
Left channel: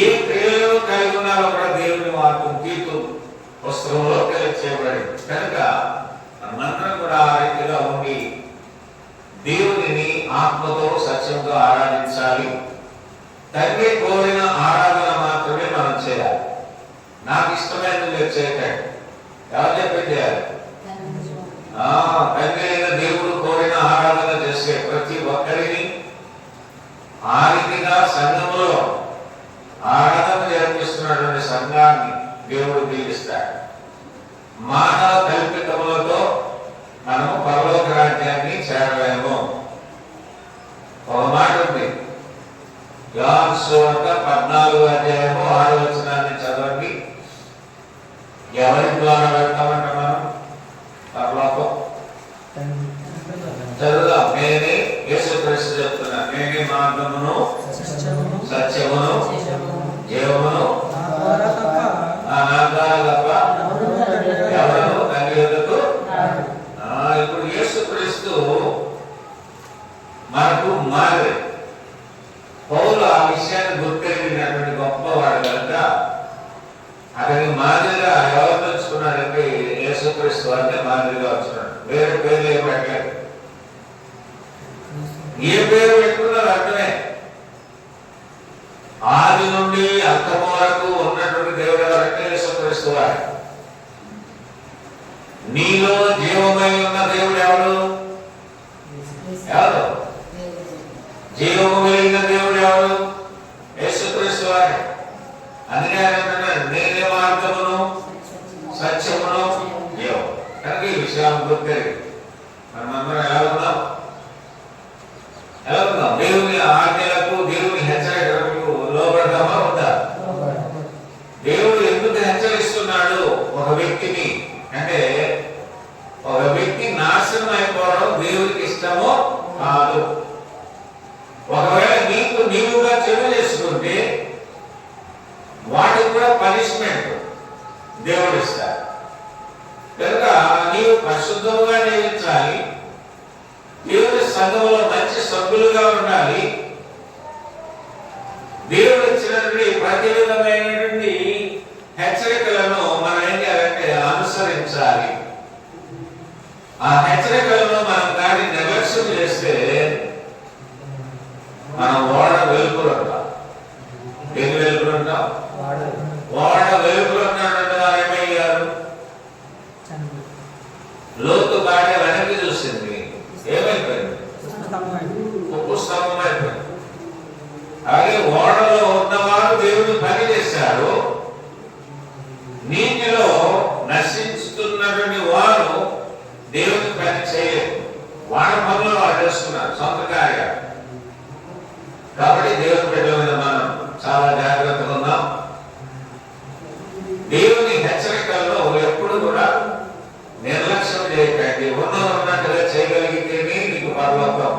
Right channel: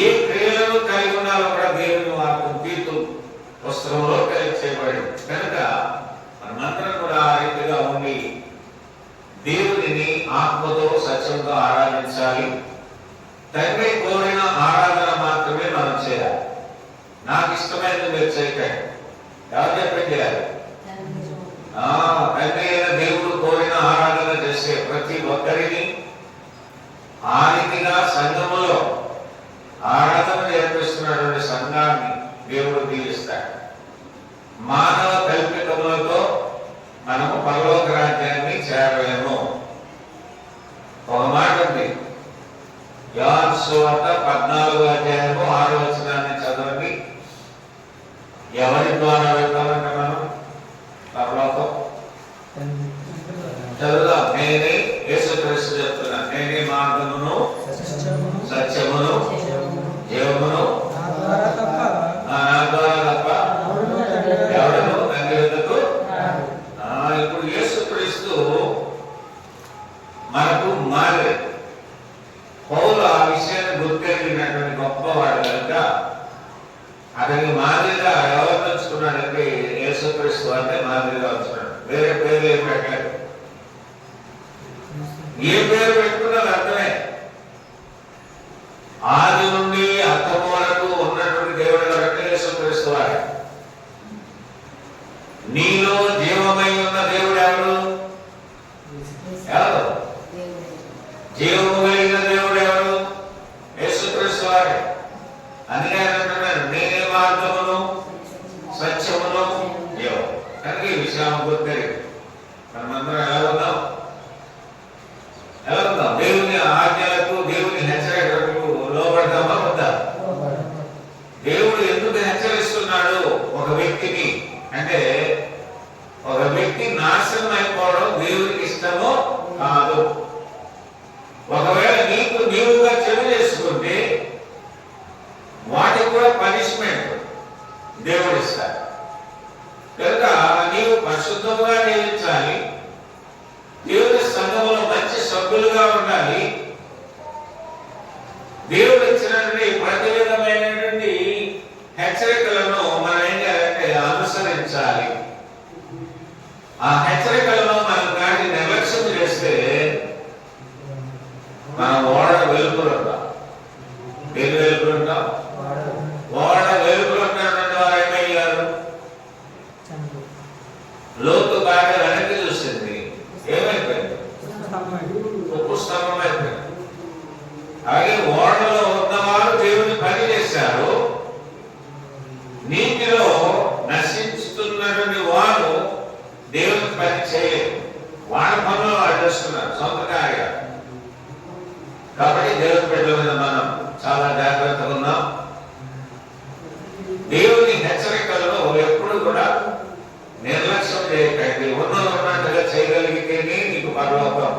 ఏ క్రియలను కలిగి ఉన్నారో కూడా దేవుని వాక్యం తీర్పు పుస్తకంలో తెలియచేయబడింది. కనుక మనందరం కూడా ఆ రీతిగా ఉండి దేవుడిని ఆత్మతో సత్యంతో ఆరాధించాలి. తండ్రి కోరిన ఆరాధన మాత్రమే మనం చేయాలి. నాకు ఇష్టమైనది మీరు చేయకండి. ఎవరు చెప్పి చేయాలి? తండ్రి అయిన దేవుడు కోరిన ఆరాధన చేసే ప్రతి ఒక్కరిని ఆ రీతిగా సంఘంలో ఆరాధన నేర్పిస్తున్నటువంటి సంఘాన్ని దేవుడు దీవిస్తాడు. మానవ కల్పితములతో మనము పరలోక రాజ్యాన్ని చేరలేము. ఒక మాట ఉంది, యోహాను సువార్త 14:6 చదవండి. ఎవరి ద్వారా వెళ్తామంట మనం పరలోకం? చదువుదాం. నేనే, యేసుక్రీస్తు చెప్తున్నా, నేనే మార్గమును సత్యమును జీవమును, నా ద్వారా తప్ప ఎవరు తండ్రి వద్దకు. ఇప్పుడు యేసుక్రీస్తు మనకు మారే పౌలు ఆ విషయాన్ని గుర్తెరిగినటువంటి గొప్పవాడు కనుక అతనికి మాదిరిగా ఎవరు తెలుసుకున్నాడంటే యేసుక్రీస్తు అంటే మాదిరిగా వచ్చున్నాడు. వేరే పేర్లు ఏమి పెట్టలేదు. ఏ పేరు పెట్టుకున్నారు అర్థమే. ఆది నుండి అంతము వరకు ఉన్నటువంటి దేవుడు ఎవరంటే యేసుక్రీస్తు వాడు. నీలో జీవమై ఉన్న దేవుడు ఎవరు? ఎవరు? జీవము కలిగిన దేవుడు ఎవరు? యేసుక్రీస్తు వాడే. అందుకే ఆయన అంటున్నాడు, నేనే మార్గమును సత్యమును జీవం. కనుక ఈ విషయం గుర్తెరిగి మనమందరం ఎలా ఉన్నాం? దేవుని ఆజ్ఞలకు, దేవుని హెచ్చరికలకు లోబడతామా వద్దా? దేవుడు ఎందుకు హెచ్చరిస్తున్నాడు ఒక వ్యక్తిని అంటే, ఒక వ్యక్తి నాశనం అయిపోవడం దేవుడికి ఇష్టమో కాదు. ఒకవేళ నీవుగా చెడు చేసుకుంటే వాటికి కూడా పనిష్మెంట్ దేవుడు ఇస్తాడు. కనుక నీవు పరిశుద్ధంగా జీవించాలి, దేవుని సంఘంలో మంచి సభ్యులుగా ఉండాలి. దేవుడు ఇచ్చినటువంటి ప్రతి విధమైనటువంటి హెచ్చరికలను మనం ఏం చేయాలంటే అనుసరించాలి. ఆ హెచ్చరికలను మనం కానీ నిర్లక్ష్యం చేస్తే మనం ఓడ వెలుగులు ఉంటాం. దేని వెలుగులు ఉంటాం? ఓడ వెలుగులు ఉన్నటువంటి వారు ఏమయ్యారు? లోతు బాగా వెనక్కి చూసింది, ఏమైపోయింది? పుస్తకం అయిపోయింది. అలాగే ఓడలో ఉన్నవారు దేవుని పని చేశారు. నీటిలో నశించుతున్నటువంటి వారు దేవుని పని చేయలేదు. వాళ్ళ పనులు వాళ్ళు చేస్తున్నారు సొంత కార్యాలు. కాబట్టి దేవుని బిడ్డల మీద మనం చాలా జాగ్రత్తగా ఉన్నాం. దేవుని హెచ్చరికల్లో ఎప్పుడు కూడా నిర్లక్ష్యం చేయకండి. ఉన్నట్టుగా చేయగలిగితేనే నీకు పరలోకం.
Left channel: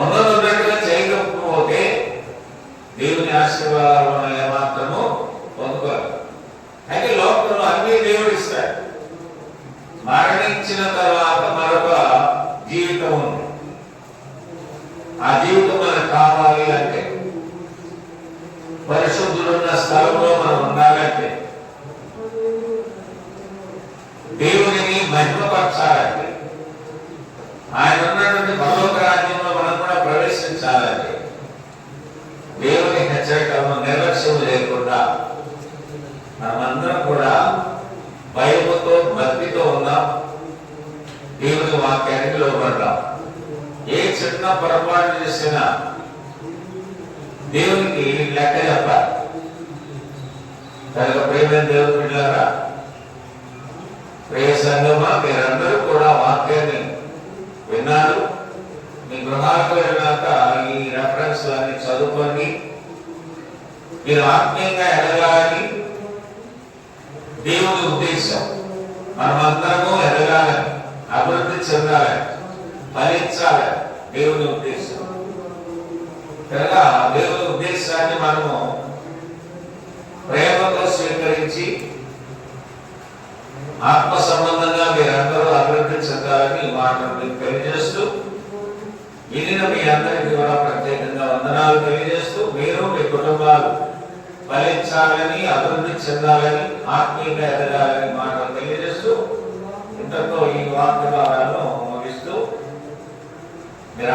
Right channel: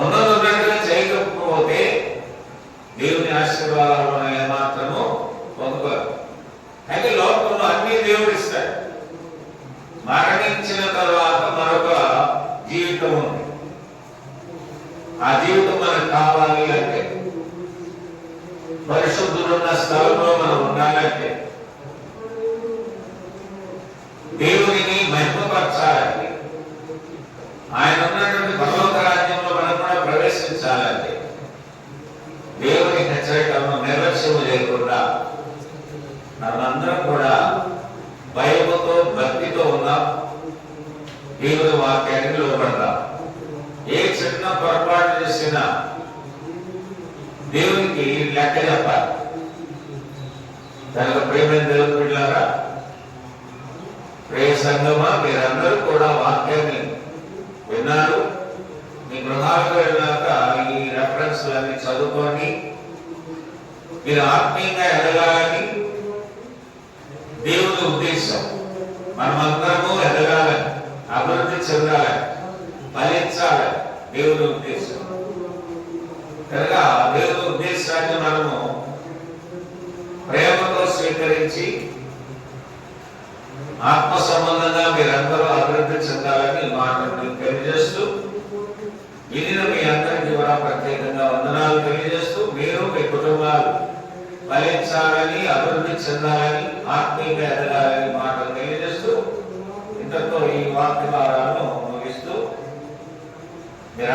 ఉన్నట్టుగా చేయకపోతే దేవుని ఆశీర్వాదాలను ఏమాత్రము పొందుకోరు. అయితే లోకంలో అన్ని దేవుడు ఇస్తాడు. మరణించిన తర్వాత మరొక జీవితం ఉంది. ఆ జీవితం మనకు కావాలి అంటే, పరిశుద్ధులున్న స్థలంలో మనం ఉండాలంటే, దేవుడిని మహిమపరచాలంటే, ఆయన ఉన్నటువంటి పరలోక రాజ్యంలో మనం కూడా ప్రవేశించాలంటే, దేవుని హెచ్చరికలను నిర్లక్ష్యం చేయకుండా మనమందరం కూడా భయముతో భక్తితో ఉన్నాం. దేవుని వాక్యానికి లోబడ్డాం. ఏ చిన్న పొరపాటు చేసినా దేవునికి లెక్క చెప్పాలి. కనుక ప్రేమ దేవుని బిడ్డలారా, ప్రియ సంగమా, మీరందరూ కూడా వాక్యాన్ని విన్నారు. మీ గృహాలకు వెళ్ళాక ఈ రెఫరెన్స్ అన్ని చదువుకోండి. మీరు ఆత్మీయంగా ఎదగాలని దేవుని ఉద్దేశం. మనమందరము ఎదగాలని, అభివృద్ధి చెందాలని, ఫలించాలని దేవుని ఉద్దేశం. కనుక దేవుని ఉద్దేశాన్ని మనము ప్రేమతో స్వీకరించి ఆత్మ సంబంధంగా మీరందరూ అభివృద్ధి చెందాలని మాటలు తెలియజేస్తూ, వినిన మీ అందరికీ కూడా ప్రత్యేకంగా వందనాలు తెలియజేస్తూ, మీరు మీ కుటుంబాలు ఫలించాలని, అభివృద్ధి చెందాలని, ఆత్మీయంగా ఎదగాలని మాటలు తెలియజేస్తూ, ఇంతతో ఈ వాక్యాలను ముగిస్తూ మీరు